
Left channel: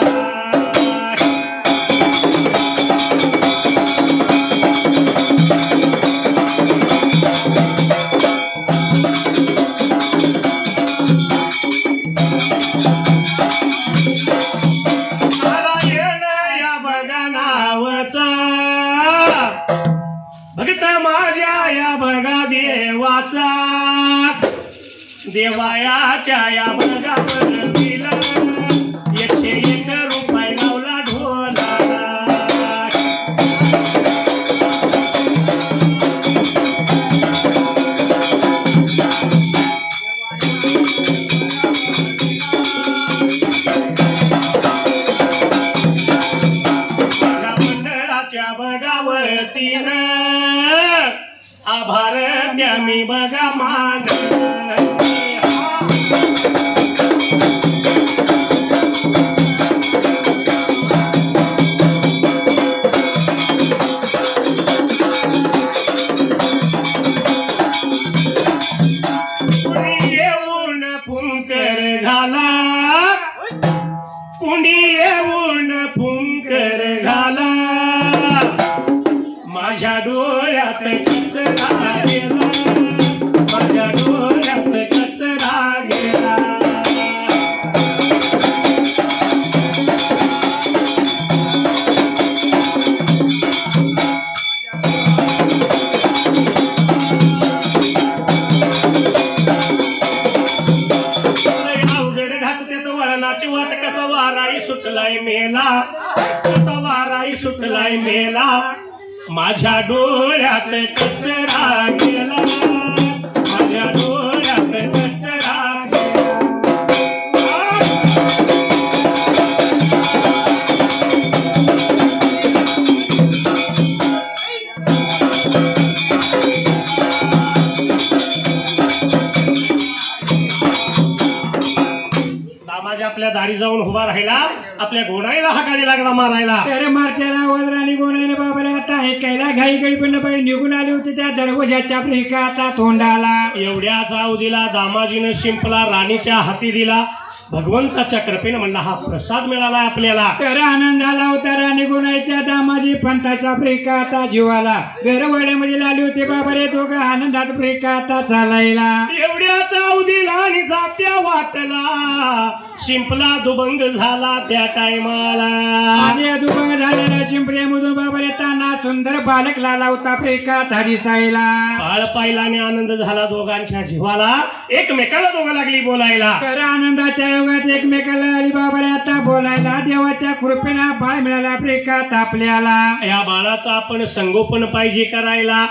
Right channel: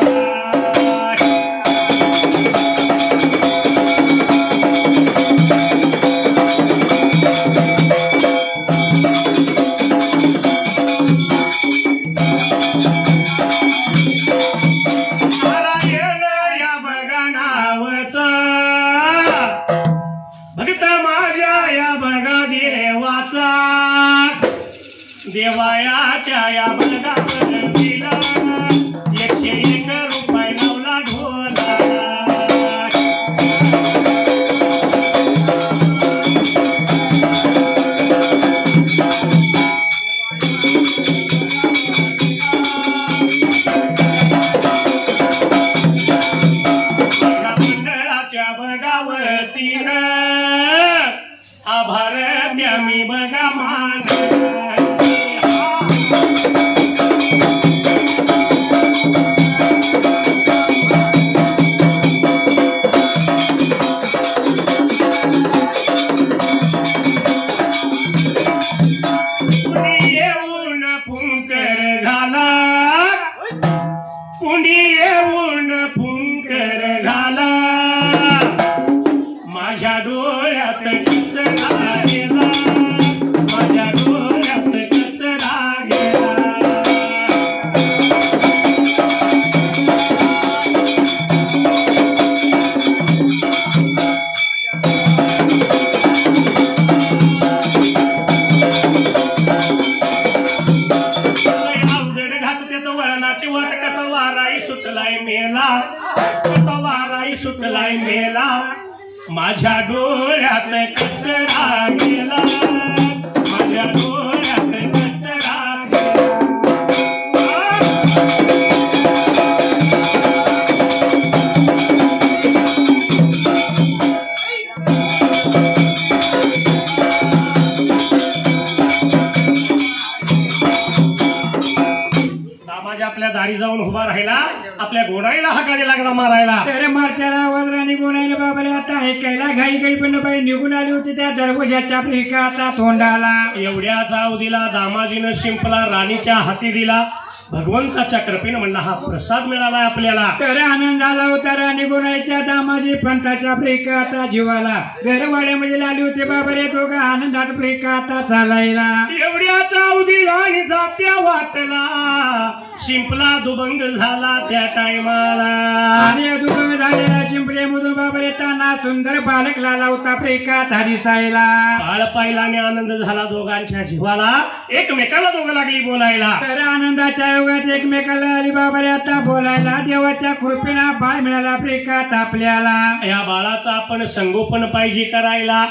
नारायण या बघा नावचा भक्त माझ्या या बघा देवा देवाचा देवायाच्या या बगावतीला 101 रुपये लावला ढोला आभार द्या मी बघा मान येऊन फुंकर झाला कुणी येऊन फुंकर झाला माझ्या डोळ्यात कचरा गेला माझ्या डोळ्यात कचरा गेला अवघड घात त्याचं वळणाची वाट कसा वाराई सुटलाय मेला कसा वाराई सुटलाय मेला माझ्या डोळ्यात कचरा गेला माझ्या डोळ्यात कचरा गेला दामाजी आपल्या दारी जाऊन उभा राहिला आपल्या गोडाईला हाकाने लागला मारायला तर मारत्याला वज्राने गोळ्याने बाबाला आता ऐकायला घाई घाई पण बाई निघून आली होती त्या दरवाजाच्या आता तोंडाला एवढ्याच अवधीला दामाजीनं शिंपला राणीच्या हाती दिला भगवंताच्या कृपेने म्हणला हा प्रसाद मिळाला आपल्याला तर आनंद झाला होता राणी गुणाईच्या दामाजी पंथाच्या आता जीवाला घरवाड्यामध्ये आली होते बाबा रे दोघं आनंदात आता चालायला एवढ्याच अवधीला आणि जात्या वाटला शिंपला दुभंग झाला त्या टायमाला आणि दुभंग झालेला चिंपलेमधून बाबा रे ताना सुंदर बालक लाला होता आता दिसायला बाळ पाहिलाने आनंद झाला दोघांच्या जीवाला एकमेकाला दोघं लागली बोलायला तर आनंदाच्या योगात एकमेकाला आली बाबा रे आता बोलायला देवाच्या कृपेला बाळ मिळाला आपल्याला या बाळाचं आपण संगोपन पाहिजे करायला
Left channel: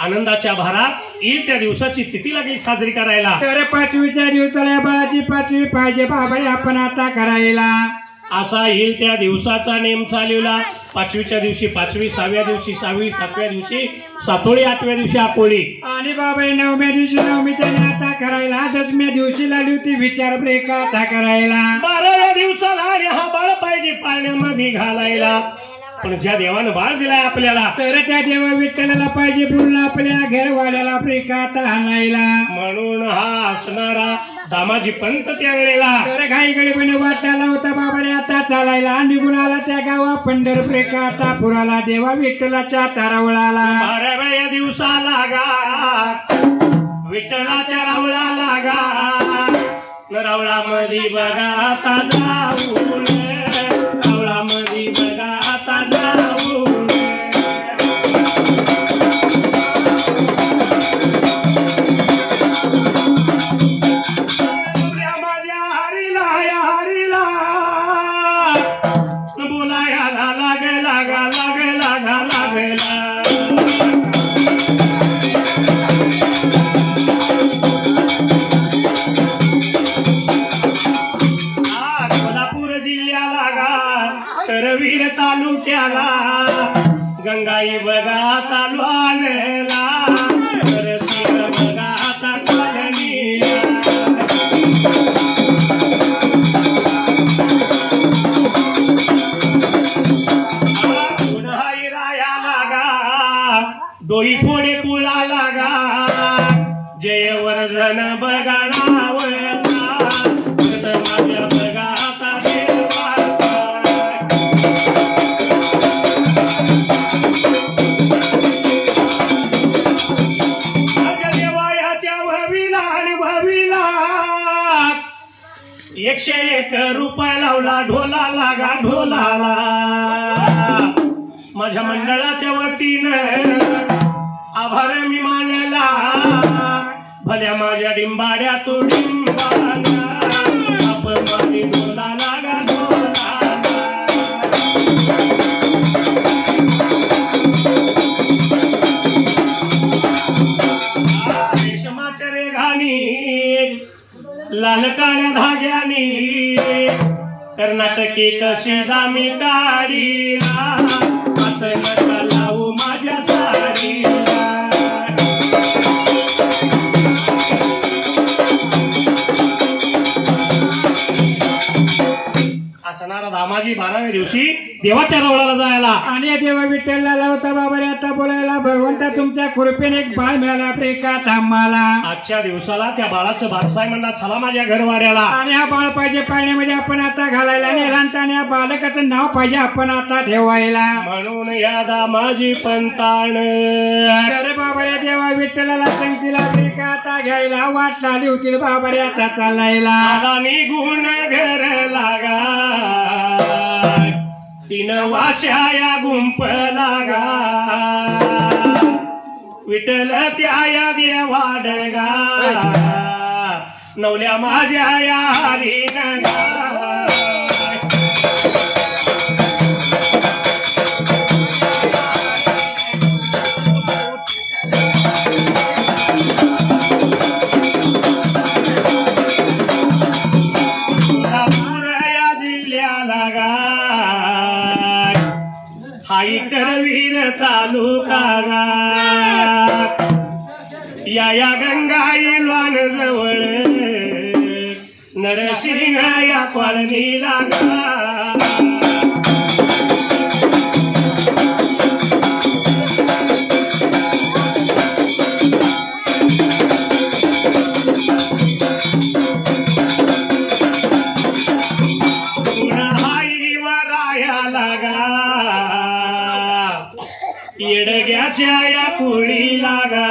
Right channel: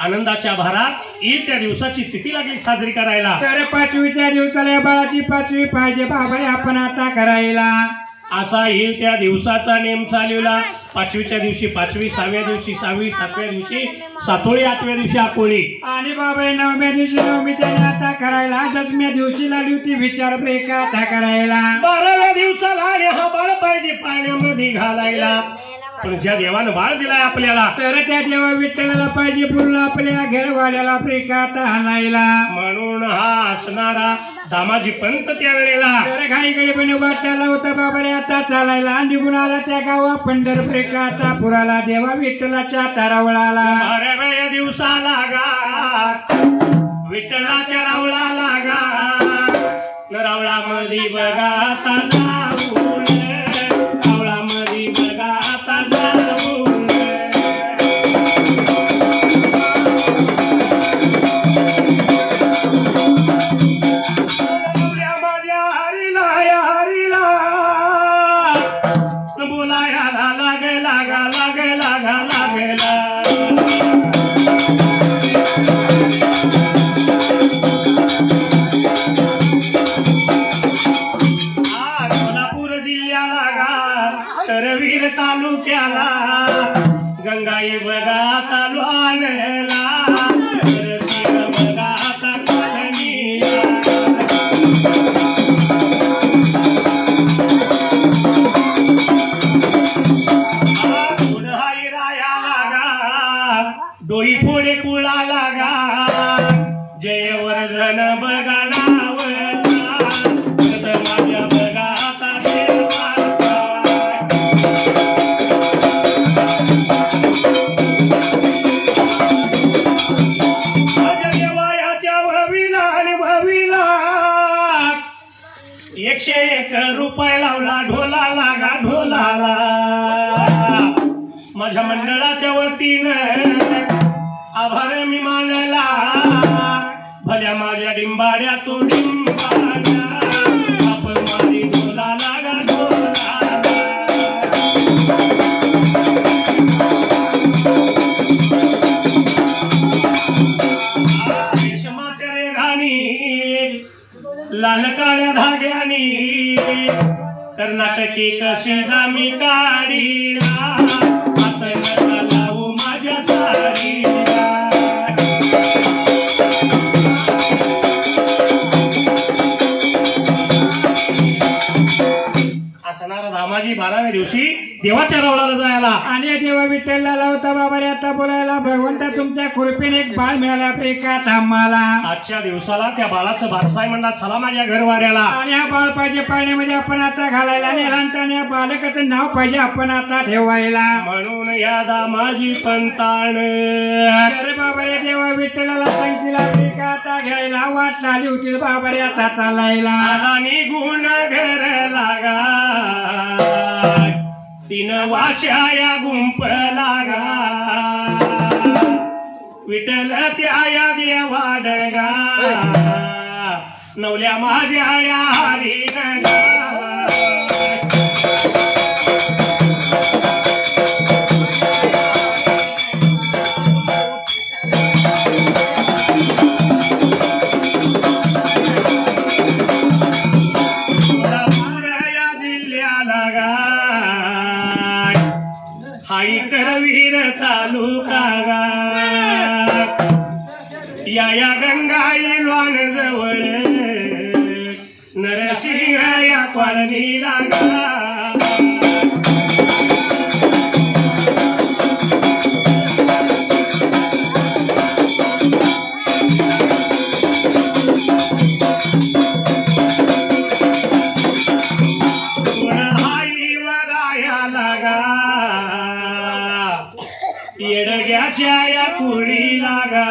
आनंदाच्या भारात येईल त्या दिवसाची तिथी लागली साजरी करायला तर 5वीच्या दिवसाला या बाळाची 5वी पाहिजे बाबा रे आपण आता करायला असा येईल त्या दिवसाचा नेम चालवला 5वीच्या दिवशी 5वी 6व्या दिवशी 6वी 7व्या दिवशी 7वी 8व्या दिवशी आपोळी आणि बाबा 9व्या दिवशी 9वी त्याने आता करायला 10व्या दिवशी लागली होती विचार आता करायला 12व्या दिवसाला आणि हा बाळ पाहिजे पाण्यामध्ये घालायला पण ज्या देवानं बाळ दिलाय आपल्याला तर त्या देवा विठ्ठलाला पाहिजे बोलून आपल्या घरवाड्याला आता आणायला म्हणून हा असणारा दामाजी पंत त्या वेळेला तर घाई गडीपणे वाटायला होता बाबा रे आता चालायला निघून आला त्या गावा पंढरपूर आता पुराला देवा विठ्ठलाच्या तारावळाला 12व्या दिवसाला गा विठ्ठलाच्या रावळाला गा रावळामध्ये बघा आता जाऊन रावळामध्ये बघा आता जाऊन माझ्या हरीला या हरीला बोलायला लागे लागा लागे लागा लागेला कोल्हापूर जिल्ह्याला गा तरवीर तालुक्याला गंगाई बघा तालु आणला तरसीर बघा आता कॉलनी डोई फोडे कुळा लागा जयवर्धन बघा नावचा माझ्या बघा आता देवाच्या भवीला आणि भवीला 101 रुपये लावला ढोला लागा ढोलाला माझ्या मंडळाच्या वतीनं आभार मी मानला झाल्या माझ्या डिंबाड्या तो डिंबाड्या बाप मारी डोला लागा डोला रेशमाच्या रेघानी लाल काळ्या धाग्यानी कर्नाटकी कशी दामी काढीला आता नका लावू माझ्या साडीला असणारा रामाजी 12व्या दिवशी देवाच्या रवळाला जायला आणि देवा विठ्ठलला लावता बाबा रे आता बोलायला भगवंता तुमच्या कृपेने एक बाळ मिळाला प्रिकात आम्हाला. आजच्या दिवसाला त्या बाळाचं बारसाय म्हणला चला माझ्या घरवाड्याला आणि हा बाळ पाहिजे पाळण्यामध्ये आपण आता घालायला आणि लहानताने या बालकाचं नाव पाहिजे आपण आता ठेवायला म्हणून या दामाजी पंतान अरे बाबा रे देवा विठ्ठलाला सांगतीला प्रिकाता घ्यायला वाट झाली होती बाबा रे आता चालायला आला निघून घर लागा तीन वाशा या गुंप लागा विठ्ठल त्या या देवाडगा नवल्या माझ्या या हरिणगा करवीर तालुका या गंगाईलवान जवळ नरसिंह या कॉलनी लागा येडग्याच्या या कुळी लागा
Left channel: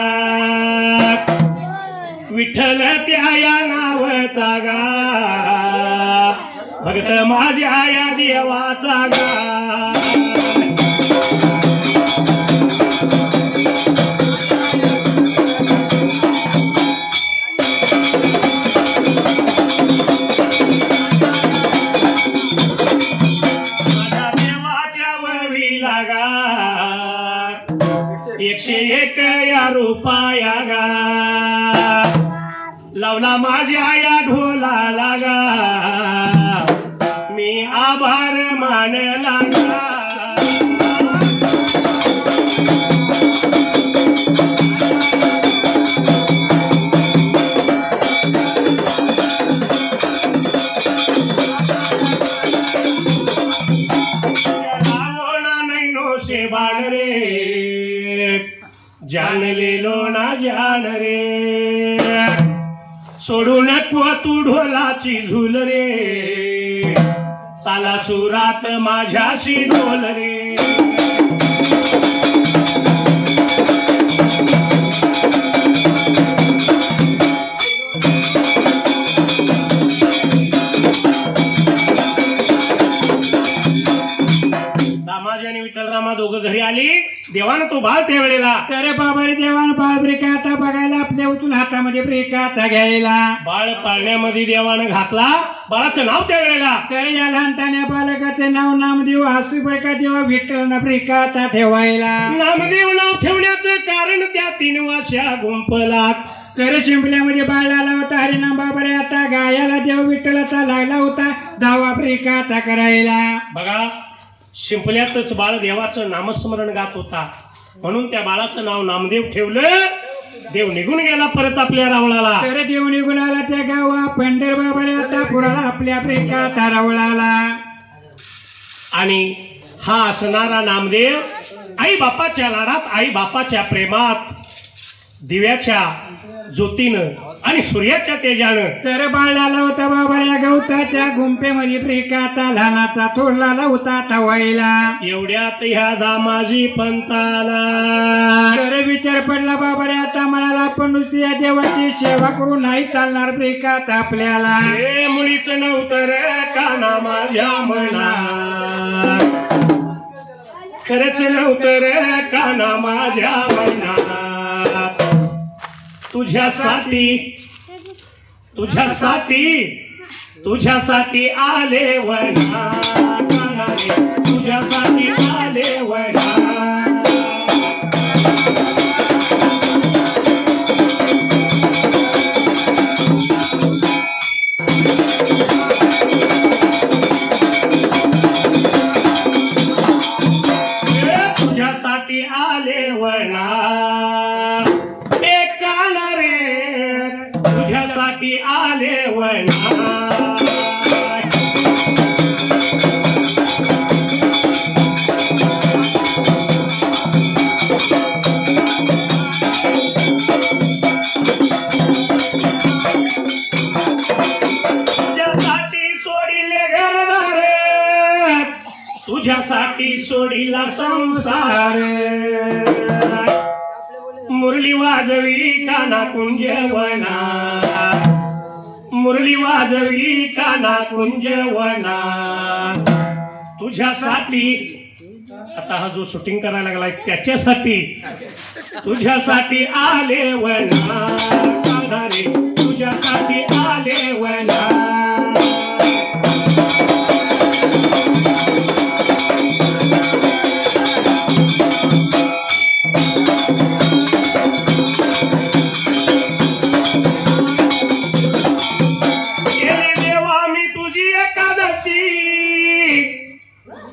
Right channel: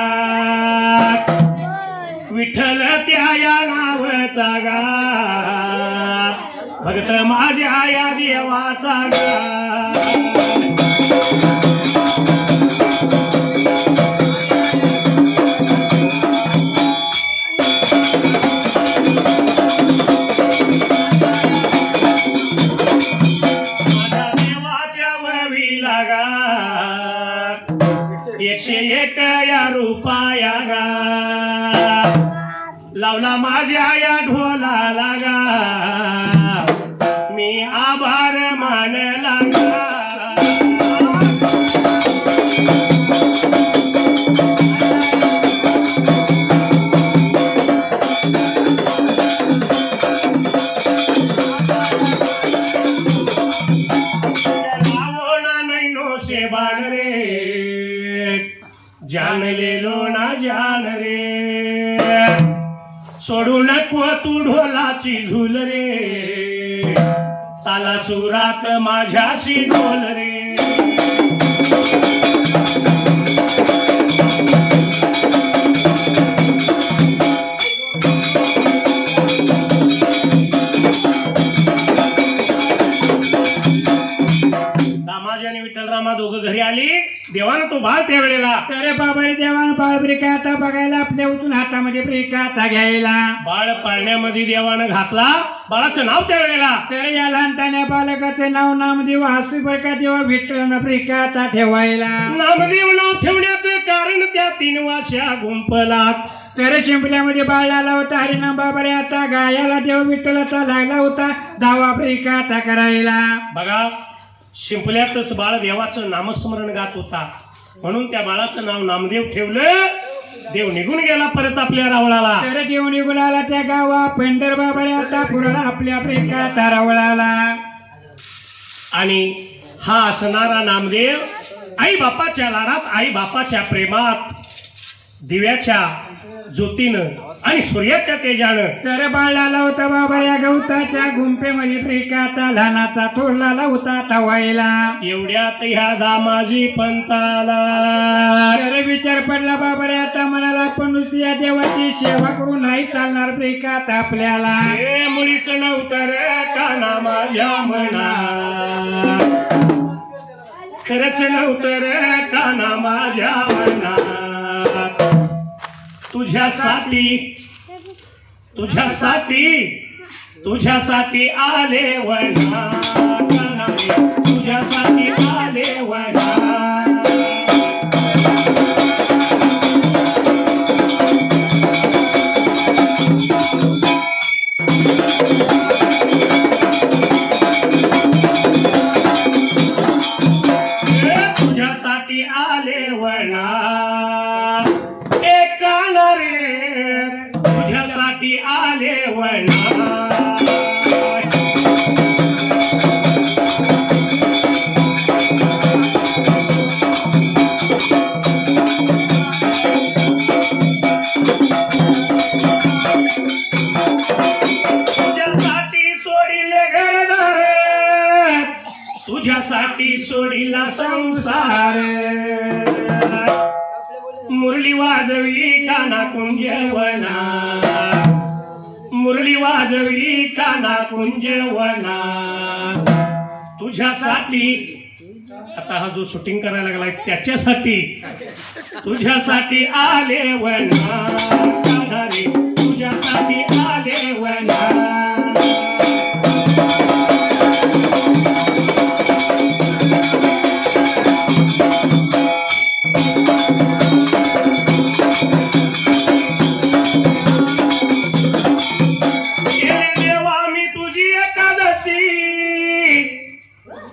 विठ्ठल त्या या नावाचा गा भक्त माझ्या या देवाचा गा माझ्या देवाच्या ववी लागा 101 या रुपया गा लावला माझ्या या ढोला लागा मी आभार मानला गा जान ले लो ना जान रे सोडू नको तू ढोलाची झुल रे ताला सुरात माझ्याशी ढोल रे दामाजी विठ्ठलरामा दोघं घरी आली देवानं तो बाळ त्यावेळेला अरे बाबा रे देवानं बाळ प्रिकाता बघायला आपल्या उचून हातामध्ये प्रिकाता घ्यायला बाळ पाळण्यामध्ये देवानं घातला बाळाचं नाव त्यावेळेला तर या लहानतान्या बालकाचे नाव नामदेव हसूबाई का देवा विठ्ठलानं प्रिकाता ठेवायला नामदेव नाव ठेवण्याचं कारण त्या 3 वाशा गुंपला तर शिंपल्यामध्ये बाळ आला होता हरिनाम बाबा रे आता गायाला देव विठ्ठलाचा लागला होता दावा प्रिकाता करायला बघा शिंपल्यातच बाळ देवाचं नामस्मरण गात होता म्हणून त्या बाळाचं नाव नामदेव ठेवलं देव निघून गेला परत आपल्या रावळाला तर देव निघून आला त्या गावा पंढर बाबा रे आता पुराला आपल्या प्रिकाता रावळाला आणि हा असणारा नामदेव आई बापाच्या लाडात आई बापाच्या प्रेमात दिव्याच्या ज्योतीनं आणि सूर्याच्या तेजानं तर बाळ आला होता बाबा या गवताच्या गुंपेमध्ये प्रिकाता लहानाचा थोरला होता तवायला एवढ्यात ह्या दामाजी पंताला तर विचार पडला बाबा रे आता म्हणाला आपण नुसती या देवाची सेवा करून नाही चालणार प्रिकात आपल्याला हे मुलीच नव्हतं रे काना माझ्या मना खरंच नव्हतं रे काना माझ्या मना तुझ्यासाठी आले वना तुझ्यासाठी आले वना तुझ्यासाठी आले वना एक रे तुझ्यासाठी आले वना तुझ्यासाठी सोडिला संसार मुरली वाजवी काना कुंजवना मुरली वाजवी काना कुंजवना तुझ्यासाठी आता हा जो शूटिंग करायला लागलाय त्याच्यासाठी तुझ्यासाठी आले वना रे तुझ्यासाठी आले वना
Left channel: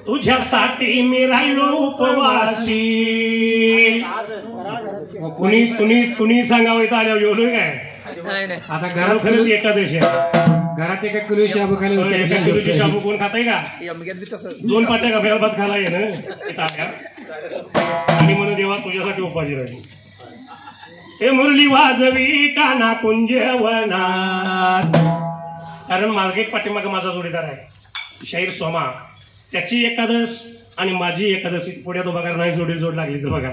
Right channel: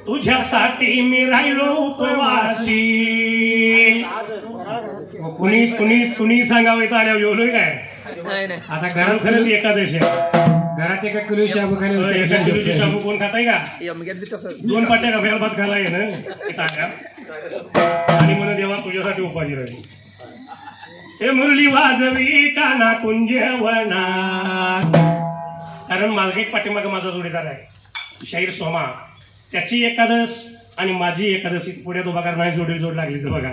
तुझ्यासाठी मी राहिलो उपवासी कुणी सांगावं इथं आल्यावर जेवलोय काय नाही आता घरात खरंच एकादशी घरात एका किलो शाबू खाली शाबू कोण खाताय का 2 पाट्या का भेळ भात खायला ये ना आणि म्हणून देवा तुझ्यासाठी उपाशी राहिली हे मुरली वाजवी काना कुंजवना कारण मागे पाठीमागे माझा जोडीदार आहे शाहीर सोमा त्याची एकादश आणि माझी एकादशी पुढ्यात उभा करणार जोड लागली तर बघा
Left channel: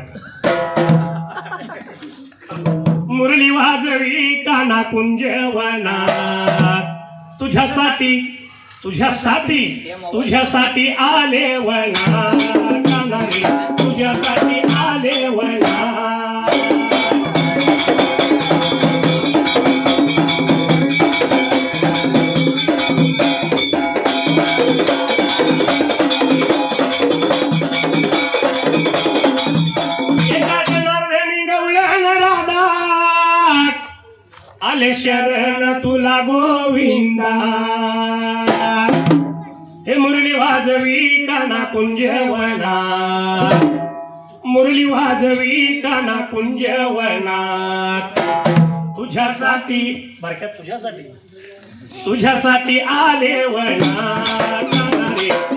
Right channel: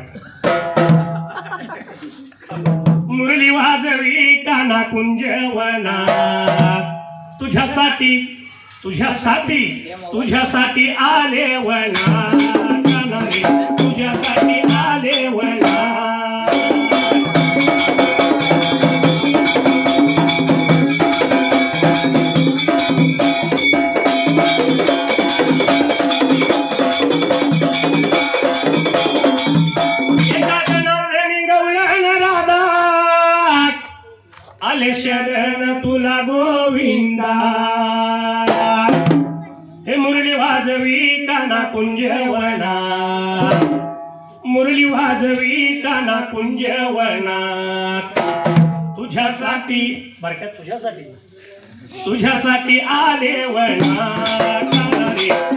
मुरली वाजवी काना कुंजवना तुझ्यासाठी आले वना काना रे तुझ्यासाठी आले वना आले शरण तुला गोविंदा हे मुरली वाजवी काना कुंजवना मुरली वाजवी काना कुंजवना तुझ्यासाठी बरक्यात तुझ्यासाठी आले वना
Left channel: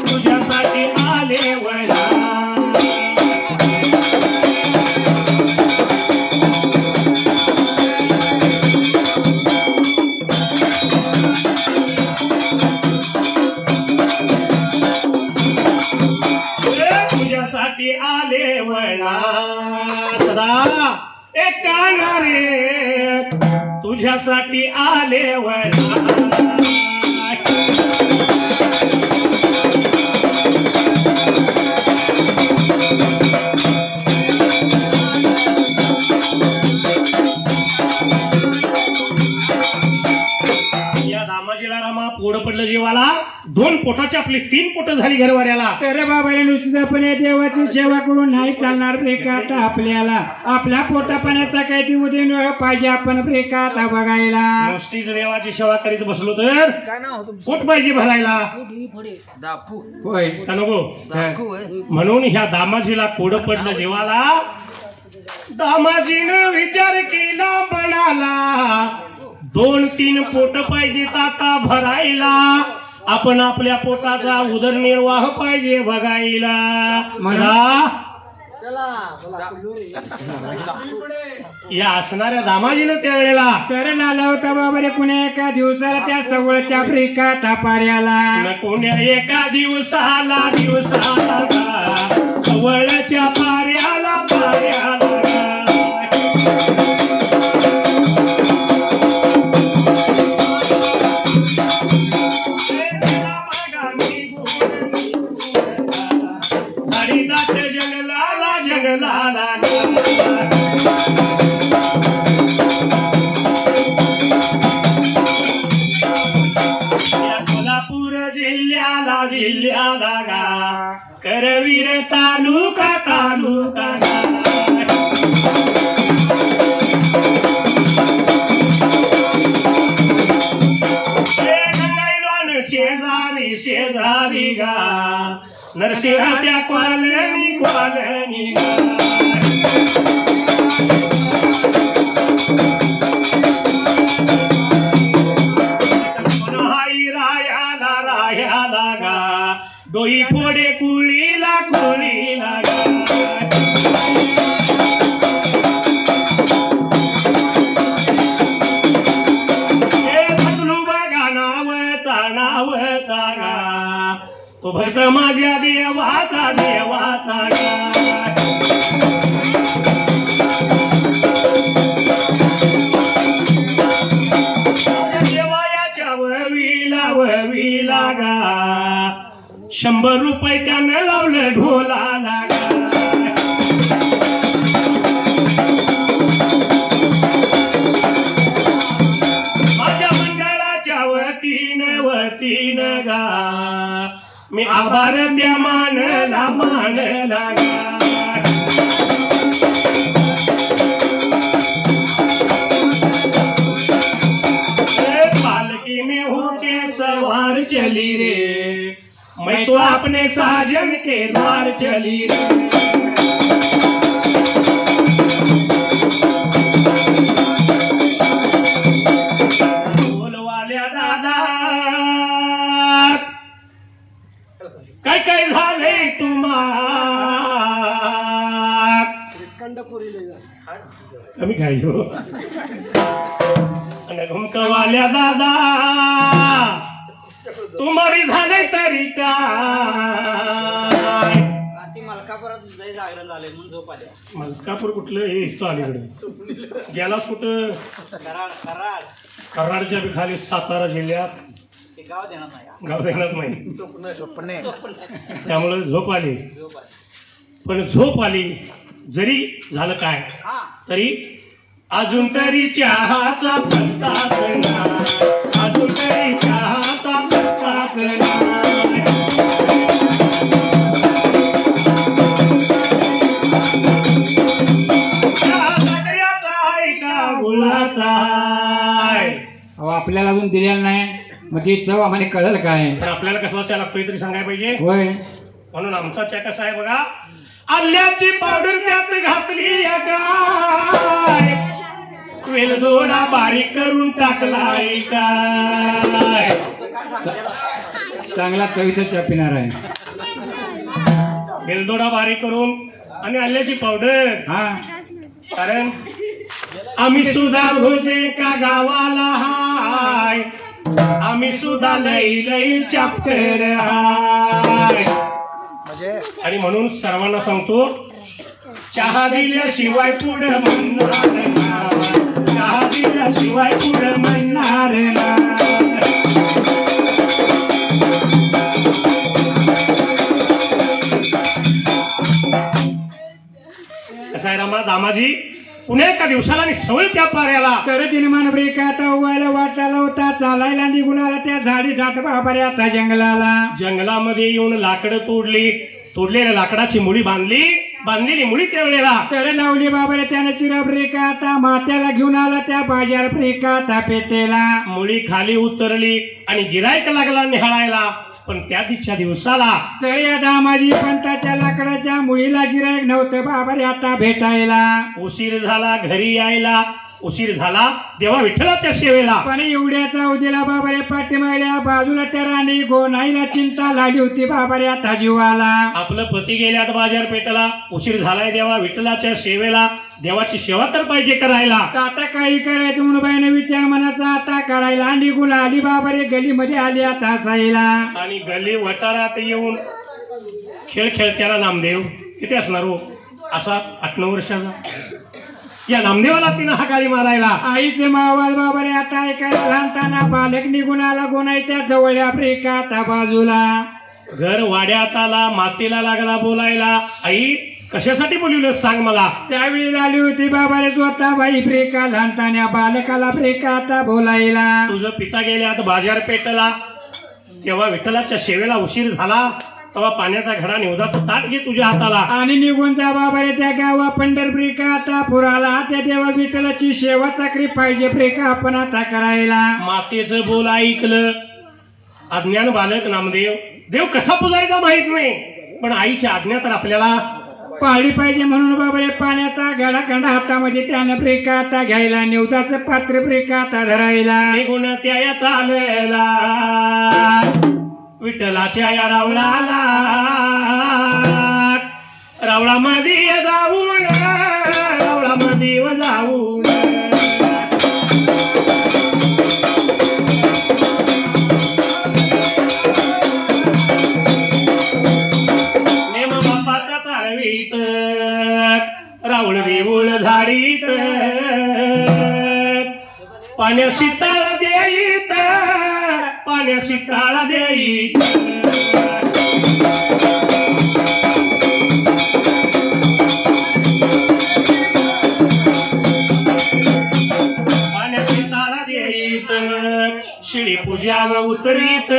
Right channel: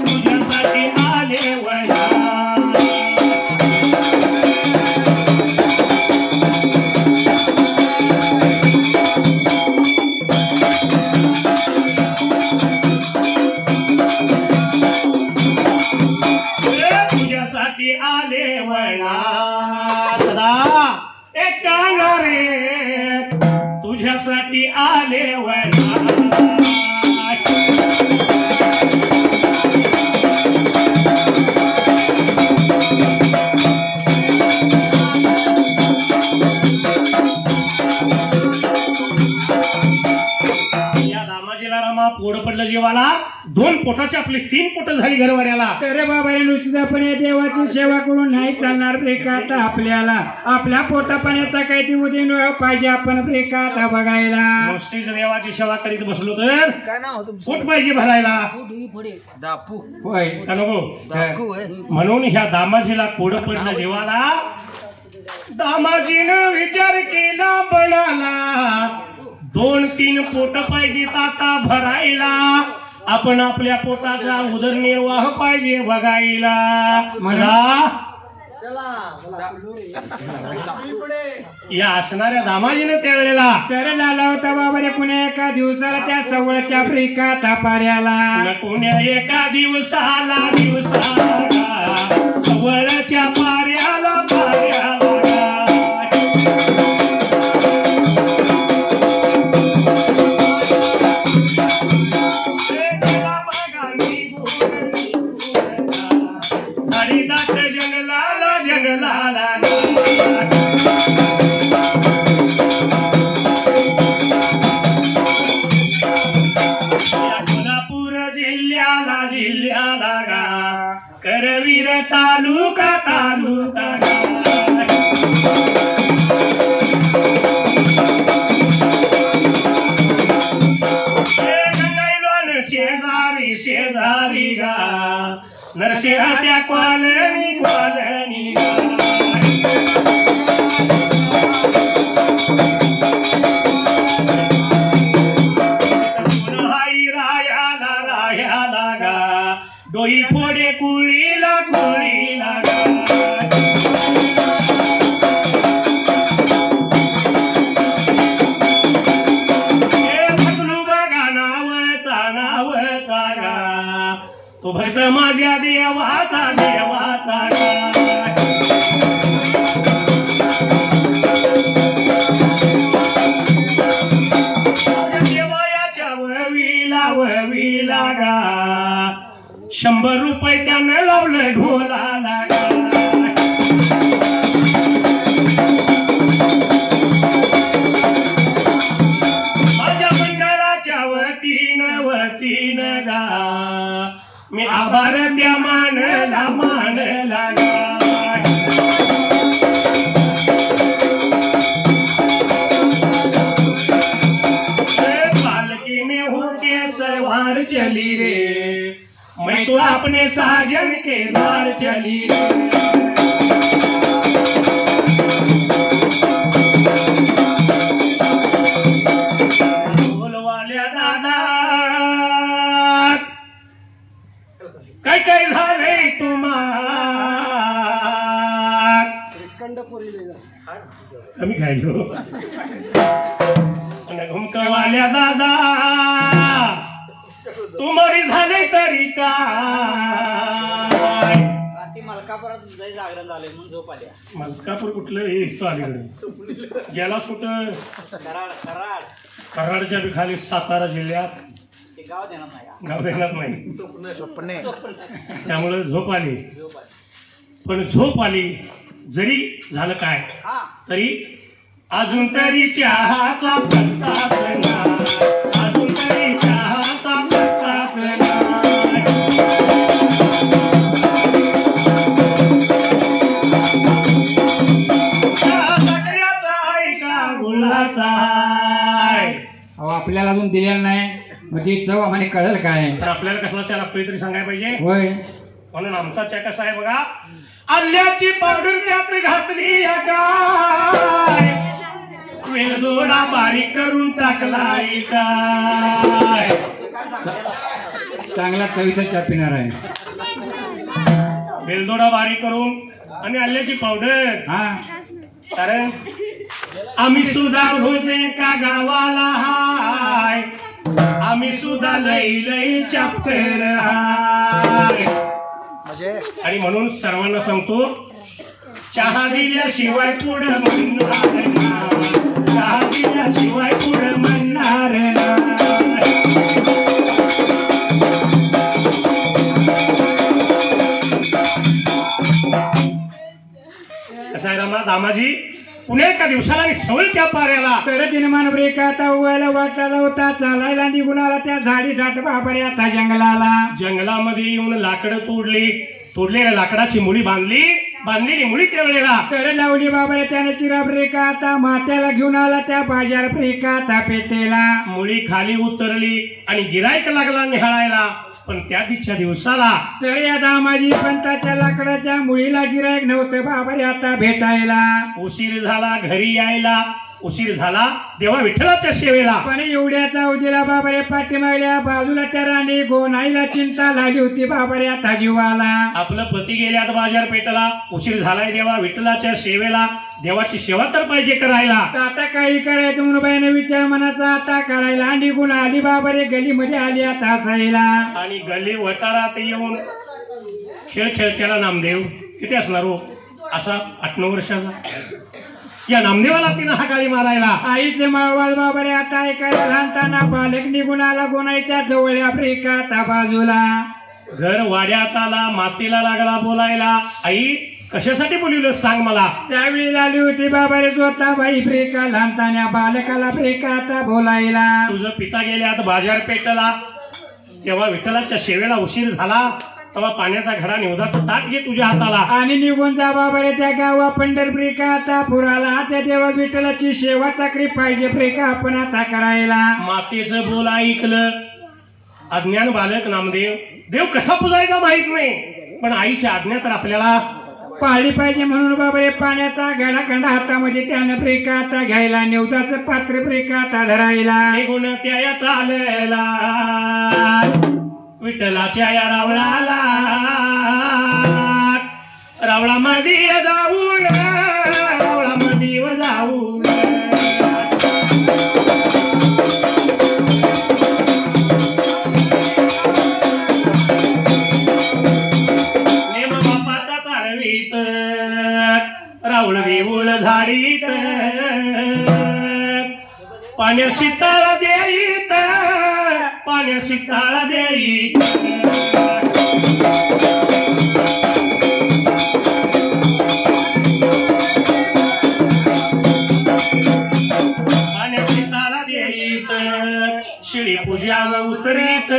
तुझ्यासाठी आले वना आले वना सदा एक रे तुझ्यासाठी आले वना पोड पडलं जीवाला 2 पोटाची आपली 3 पोट झाली घरवाड्याला तर बाबा नुसतीच आपण या देवाची सेवा करून नाही चालणार ब्रेकात आपल्याला आपल्या पोटा पाण्याचा काही दिवस पाहिजे आपण ब्रेकात बघायला नुसतीच देवाची सेवा करीत बसलो तर पोट पाहिजे भरायला होय का नको म्हणून ह्या दामाजीला पोड पडलं जीवाला दामाजीनं विचार केला बनाला 2-3 पोट पाहिजेत आता भरायला आपण आपल्या पोटाचा उदरनिर्वाह पाहिजे बघायला म्हणा या असणाऱ्या दामाजीने त्यावेळेला तर लाला होता बाबा रे कुण्या एका दिवसाला त्या जवळच्या ब्रेकात पाऱ्याला कुण्या एका दिवसाला जवळच्या पाऱ्याला जंगलाला त्या कॉलनी हाई रायाला गा डोई फोडे कुळीला तो भरत माझ्या देवाचा देवाच्या ववीला गा 100 रुपये त्यानं लावलं ढोलाला गा माझ्या मंडळाच्या वतीनं गा मी आभार द्या मानला पालकी में होके सवार चली रे मैं तो अपने साजन के द्वार चली रे बोलवाल्या दादा काय झालंय कमी खायलो आणि घुमकवाल्या दादा तुम्हारी झाले तरी काय जागरण झाले म्हणून झोप आल्या. मलकापूर कुठलं हे अलीकडे गेलास कुठं कराडच्या खाली सातारा जिल्ह्यात गाव देणार नाही त्यामुळे झोप आली पण झोप आली जरी झालं काय तरी अजून तरी चहाचा पत्ताच नाही अजून तरी चहाचा पत्ताच नाही सगळ्याचा आहे का गुलाचा अहो आपल्याला अजून दिलेला नाही मग ती चव आम्हाला कळलं काय पण आपल्याला कसला चहा लागतोय तरी सांगायला पाहिजे होय म्हणून आमचा चहा कसा आहे बघा आल्याची पावडर त्यात घातली काय वेलदोडा बारीक करून टाकलाय काय चांगला चवीचा चहा पिणार आहे वेलदोडा बारीक करून आणि आल्याची पावडर हा कारण आम्ही सुद्धा होते का गावाला हाय आम्ही सुद्धा लई चॅप्टर हाय आणि म्हणून सर्वांना सांगतो चहा दिल्याशिवाय पुढे म्हणणार ना चहा दिल्याशिवाय पुढे म्हणणार ना कसं आहे रामा दामाजी पुणे एका दिवसाला आणि सवयीच्या पाऱ्याला तर तिनमान ब्रेक आता उवायला वाटायला होता चालायला निघून आला त्या झाडी झाट बाबा आता जंगलामध्ये येऊन लाकडं तोडलेल्या लाकडाची मुळी बांधलेली मुळी तेवढेला तर लावली बाबा त्यानं चिरा ब्रेक आता मात्याला घेऊन आला त्या बाजार ब्रेक आता पेटेला मुळी खाली उतरली आणि गिरायक लागला निहाळायला पण त्या दिवच्या दिवसाला तर या दामाजी पंताच्या लाकडाच्या मुळीला गिरायक नव्हतं बाबा आता भेटायला उशीर झाला घरी यायला उशीर झाला देवा विठ्ठलाच्या सेवेला पण एवढ्याचा उजेला बाबारे पाठीमागल्या बाजूला त्या राणी गोनाईला चिंता लागली होती बाबारे आता जीवाला आपलं पती गेल्यात बाजारपेठेला उशीर झालाय देवा विठ्ठलाच्या सेवेला देवाची सेवा तर पाहिजे करायला आता काही करायचं म्हणून बाईने विचार मनाचा आता करायला निघून आली बाबारे गलीमध्ये आली आता हसायला आणि गल्ली वटारात येऊन खेळ खेळत्याला नामदेव किती असणार हो असा 8-9 वर्षाचा या नामदेवाला तिनं हाकाळी मारायला आईचे मावाल बाबारे आता ऐकायला लहानताना बालक निघून आला गोनाईच्या जवळ आफ्रिका आता बाजूला घर वाड्यात आला मातेला लागला बोलायला आई कशासाठी बोलवलं सांग मला त्यावेळी आली होती बाबारे जोता बाई फ्रेका लहानताना बालकाला फ्रेका आता बोलायला तुझं पिता गेल्यात बाजारपेठेला तेव्हा विठ्ठलाच्या सेवेला उशीर झाला तेव्हा पाण्याचा घडा निवदाचं ताट घे तुझ्या हाताला आणि निघून जा बाबारे त्या गावा पंढरपुरी का आता पुराला त्या देवा विठ्ठलाची सेवा चाकरी पाहिजे फ्रेका आपण आता करायला मातेचं बोल ऐकलं अज्ञान बालक नामदेव देव कसा पुजायचा माहित नाही पण आईची आज्ञा तर आपल्याला पाळली पाहिजे. म्हणून बाबा हे पाण्याचा गडाखंड हातामध्ये त्यानं ब्रेकाता घ्यायला, निवदाचं पात्र ब्रेकाता धरायला, निघून त्या चालला विठ्ठलाच्या या रावळाला, रावळा मध्ये जाऊन, रावळा मध्ये जाऊन नेम बापाचा चालवीत, रावळ देऊळ झाडीत, पाण्याशी ताळा देईत, पाण्याशी ताळा देईत. पाण्याशी ताळा देईत, शिळी पूजा उतरीत,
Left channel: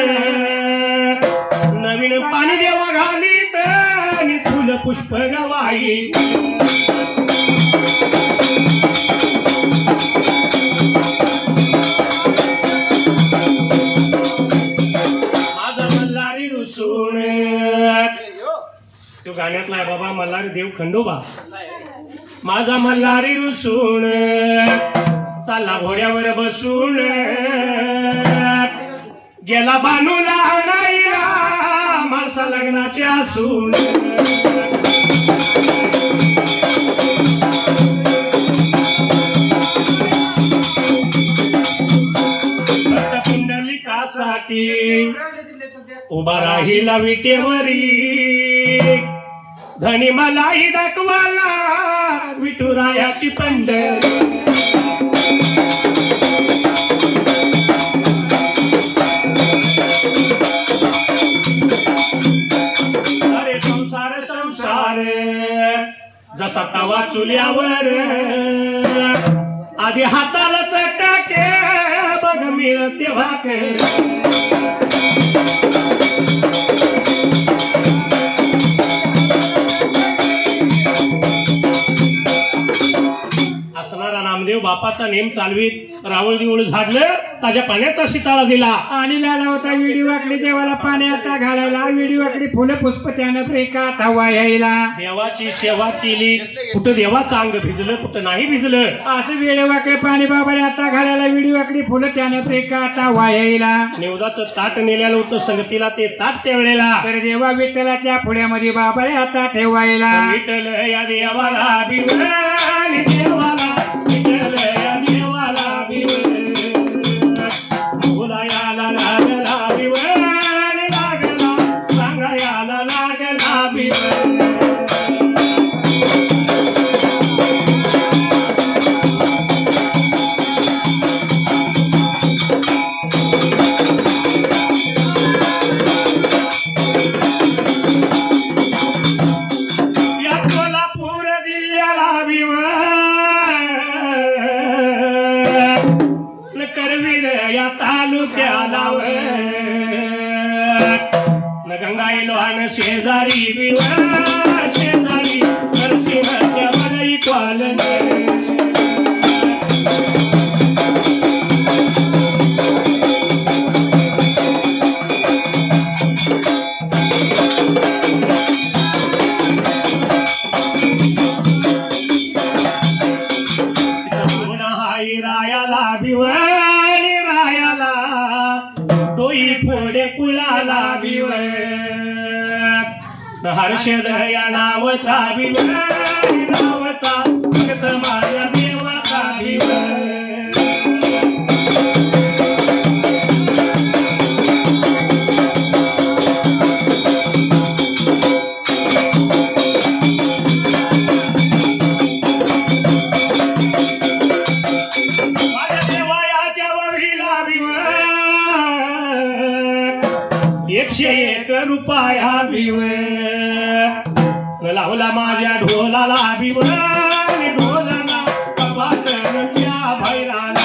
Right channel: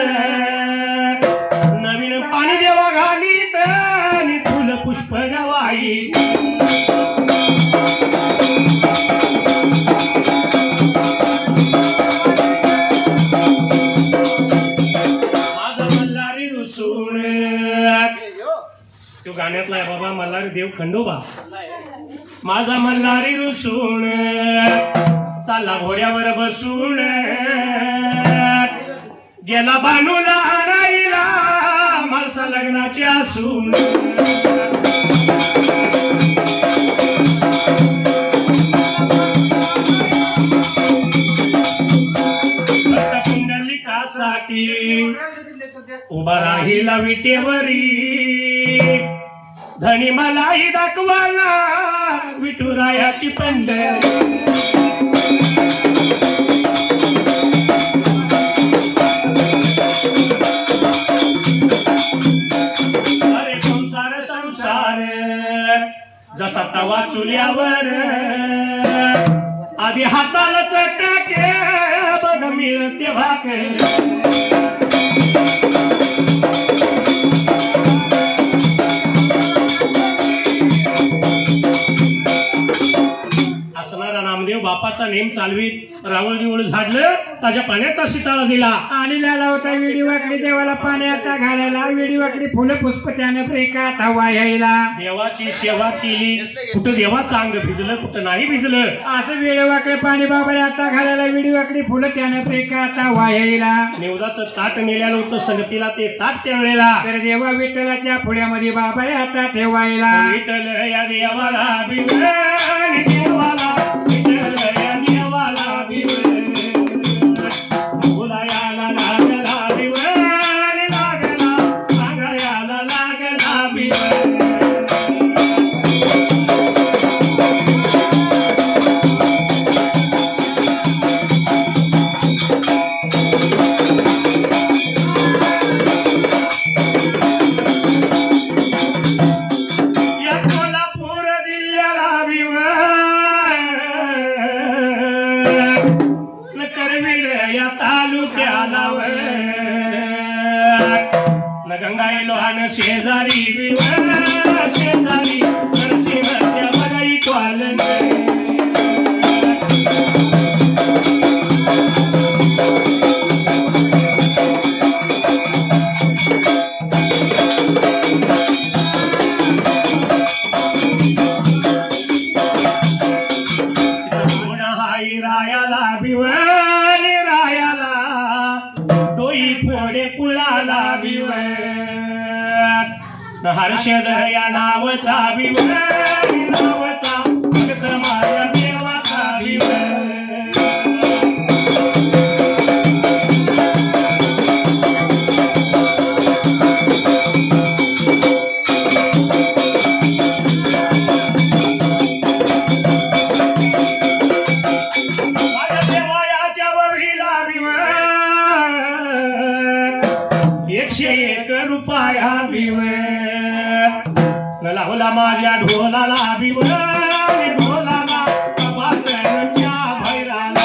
नवीन पाणी देवा घालीत, आणि फुल पुष्प गवाईत. तो गाण्यातला आहे बाबा, मल्हारी देव खंडोबा. माझा मल्हारी रुसून चालला घोड्यावर बसून, गेला बानूला आणायला माणसा लग्नाचे असून. पुंडलिकासाठी उभा राहिला विटेवरी, धनी मलाही दाखवाला विठुरायाची पंढरी. अरे संसार संसार जसा तवा चुल्यावर, आधी हाताला चटाके बघ मिळते भाकर. असणारा नामदेव बापाचा नेम चालवीत, रावळ देऊळ झाडलं, ताज्या पाण्याचा शिताळा दिला, आणि लाला होता विडी वाकडी देवाला पाण्यात घालायला, विडी वाकडी फुलं पुष्प त्यानं ब्रेकात हवा यायला. देवाची सेवा केली, कुठं देवाचं अंग भिजलं, कुठं नाही भिजलं. असं वेळ वाकडे पाणी बाबाला आता घालायला, विडी वाकडी फुलं त्यानं ब्रेकात हवा यायला. निवदाचं ताट नेल्यानं होतं संगतीला, ते ताट त्या वेळेला तर देवा विठ्ठलाच्या पुढ्यामध्ये बाबाला आता ठेवायला. विठ्ठल या देवाला बिवळ, देवाला विठ्ठल या देवाला बिवळ, बोलायाला लागला बिवळ, लागला सांगायाला लागला बिवळ. या कोल्हापूर जिल्ह्याला बिवळ, करवीर या तालुक्याला न गंगाई लोहान शेजारी बिवळ, शेजारी नरसिंह त्या बगाई क्वाल. रायाला बिवळ, रायाला डोई फोडे कुळाला बिवळ, हर्षद या नावचा बिवळ, नावचा भक्त माझ्या देवाचा बिवळ. रुपया बिवळ, लावला माझ्या ढोलाला बिवळ, ढोलाला कपाटच्या भैराला.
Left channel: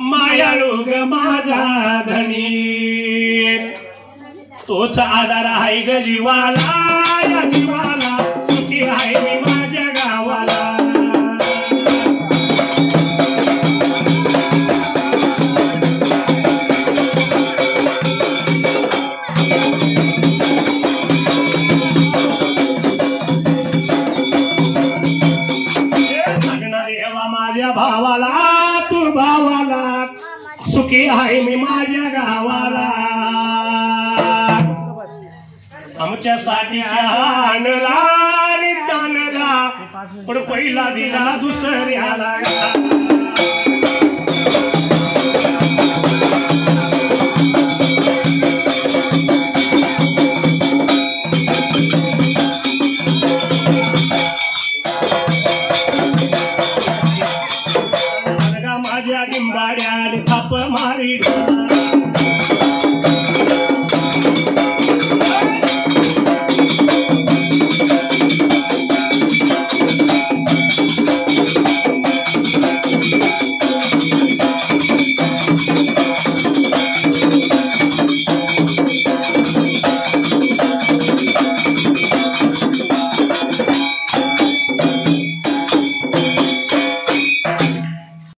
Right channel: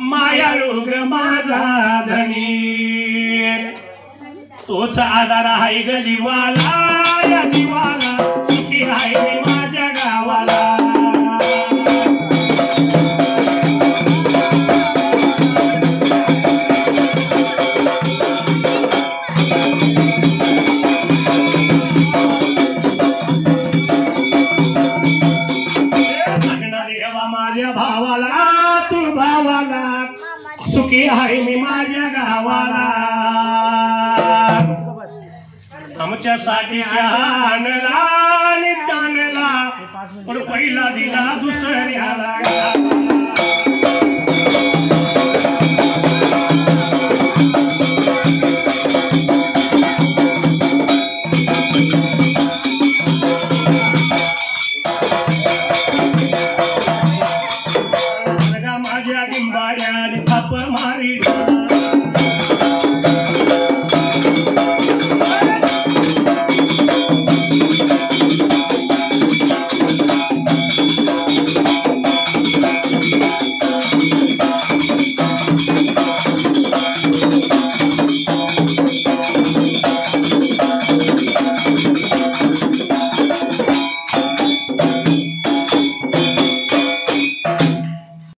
मायाळू तोच आधार आहे ग जीवाला, या जीवाला सुखी आहे मी माझ्या गावाला. माझ्या भावाला तू भावाला सुखी आहे मी माझ्या गावाला. आमच्यासाठी आणला आणि ताणला पण पहिला दिला दुसऱ्याला.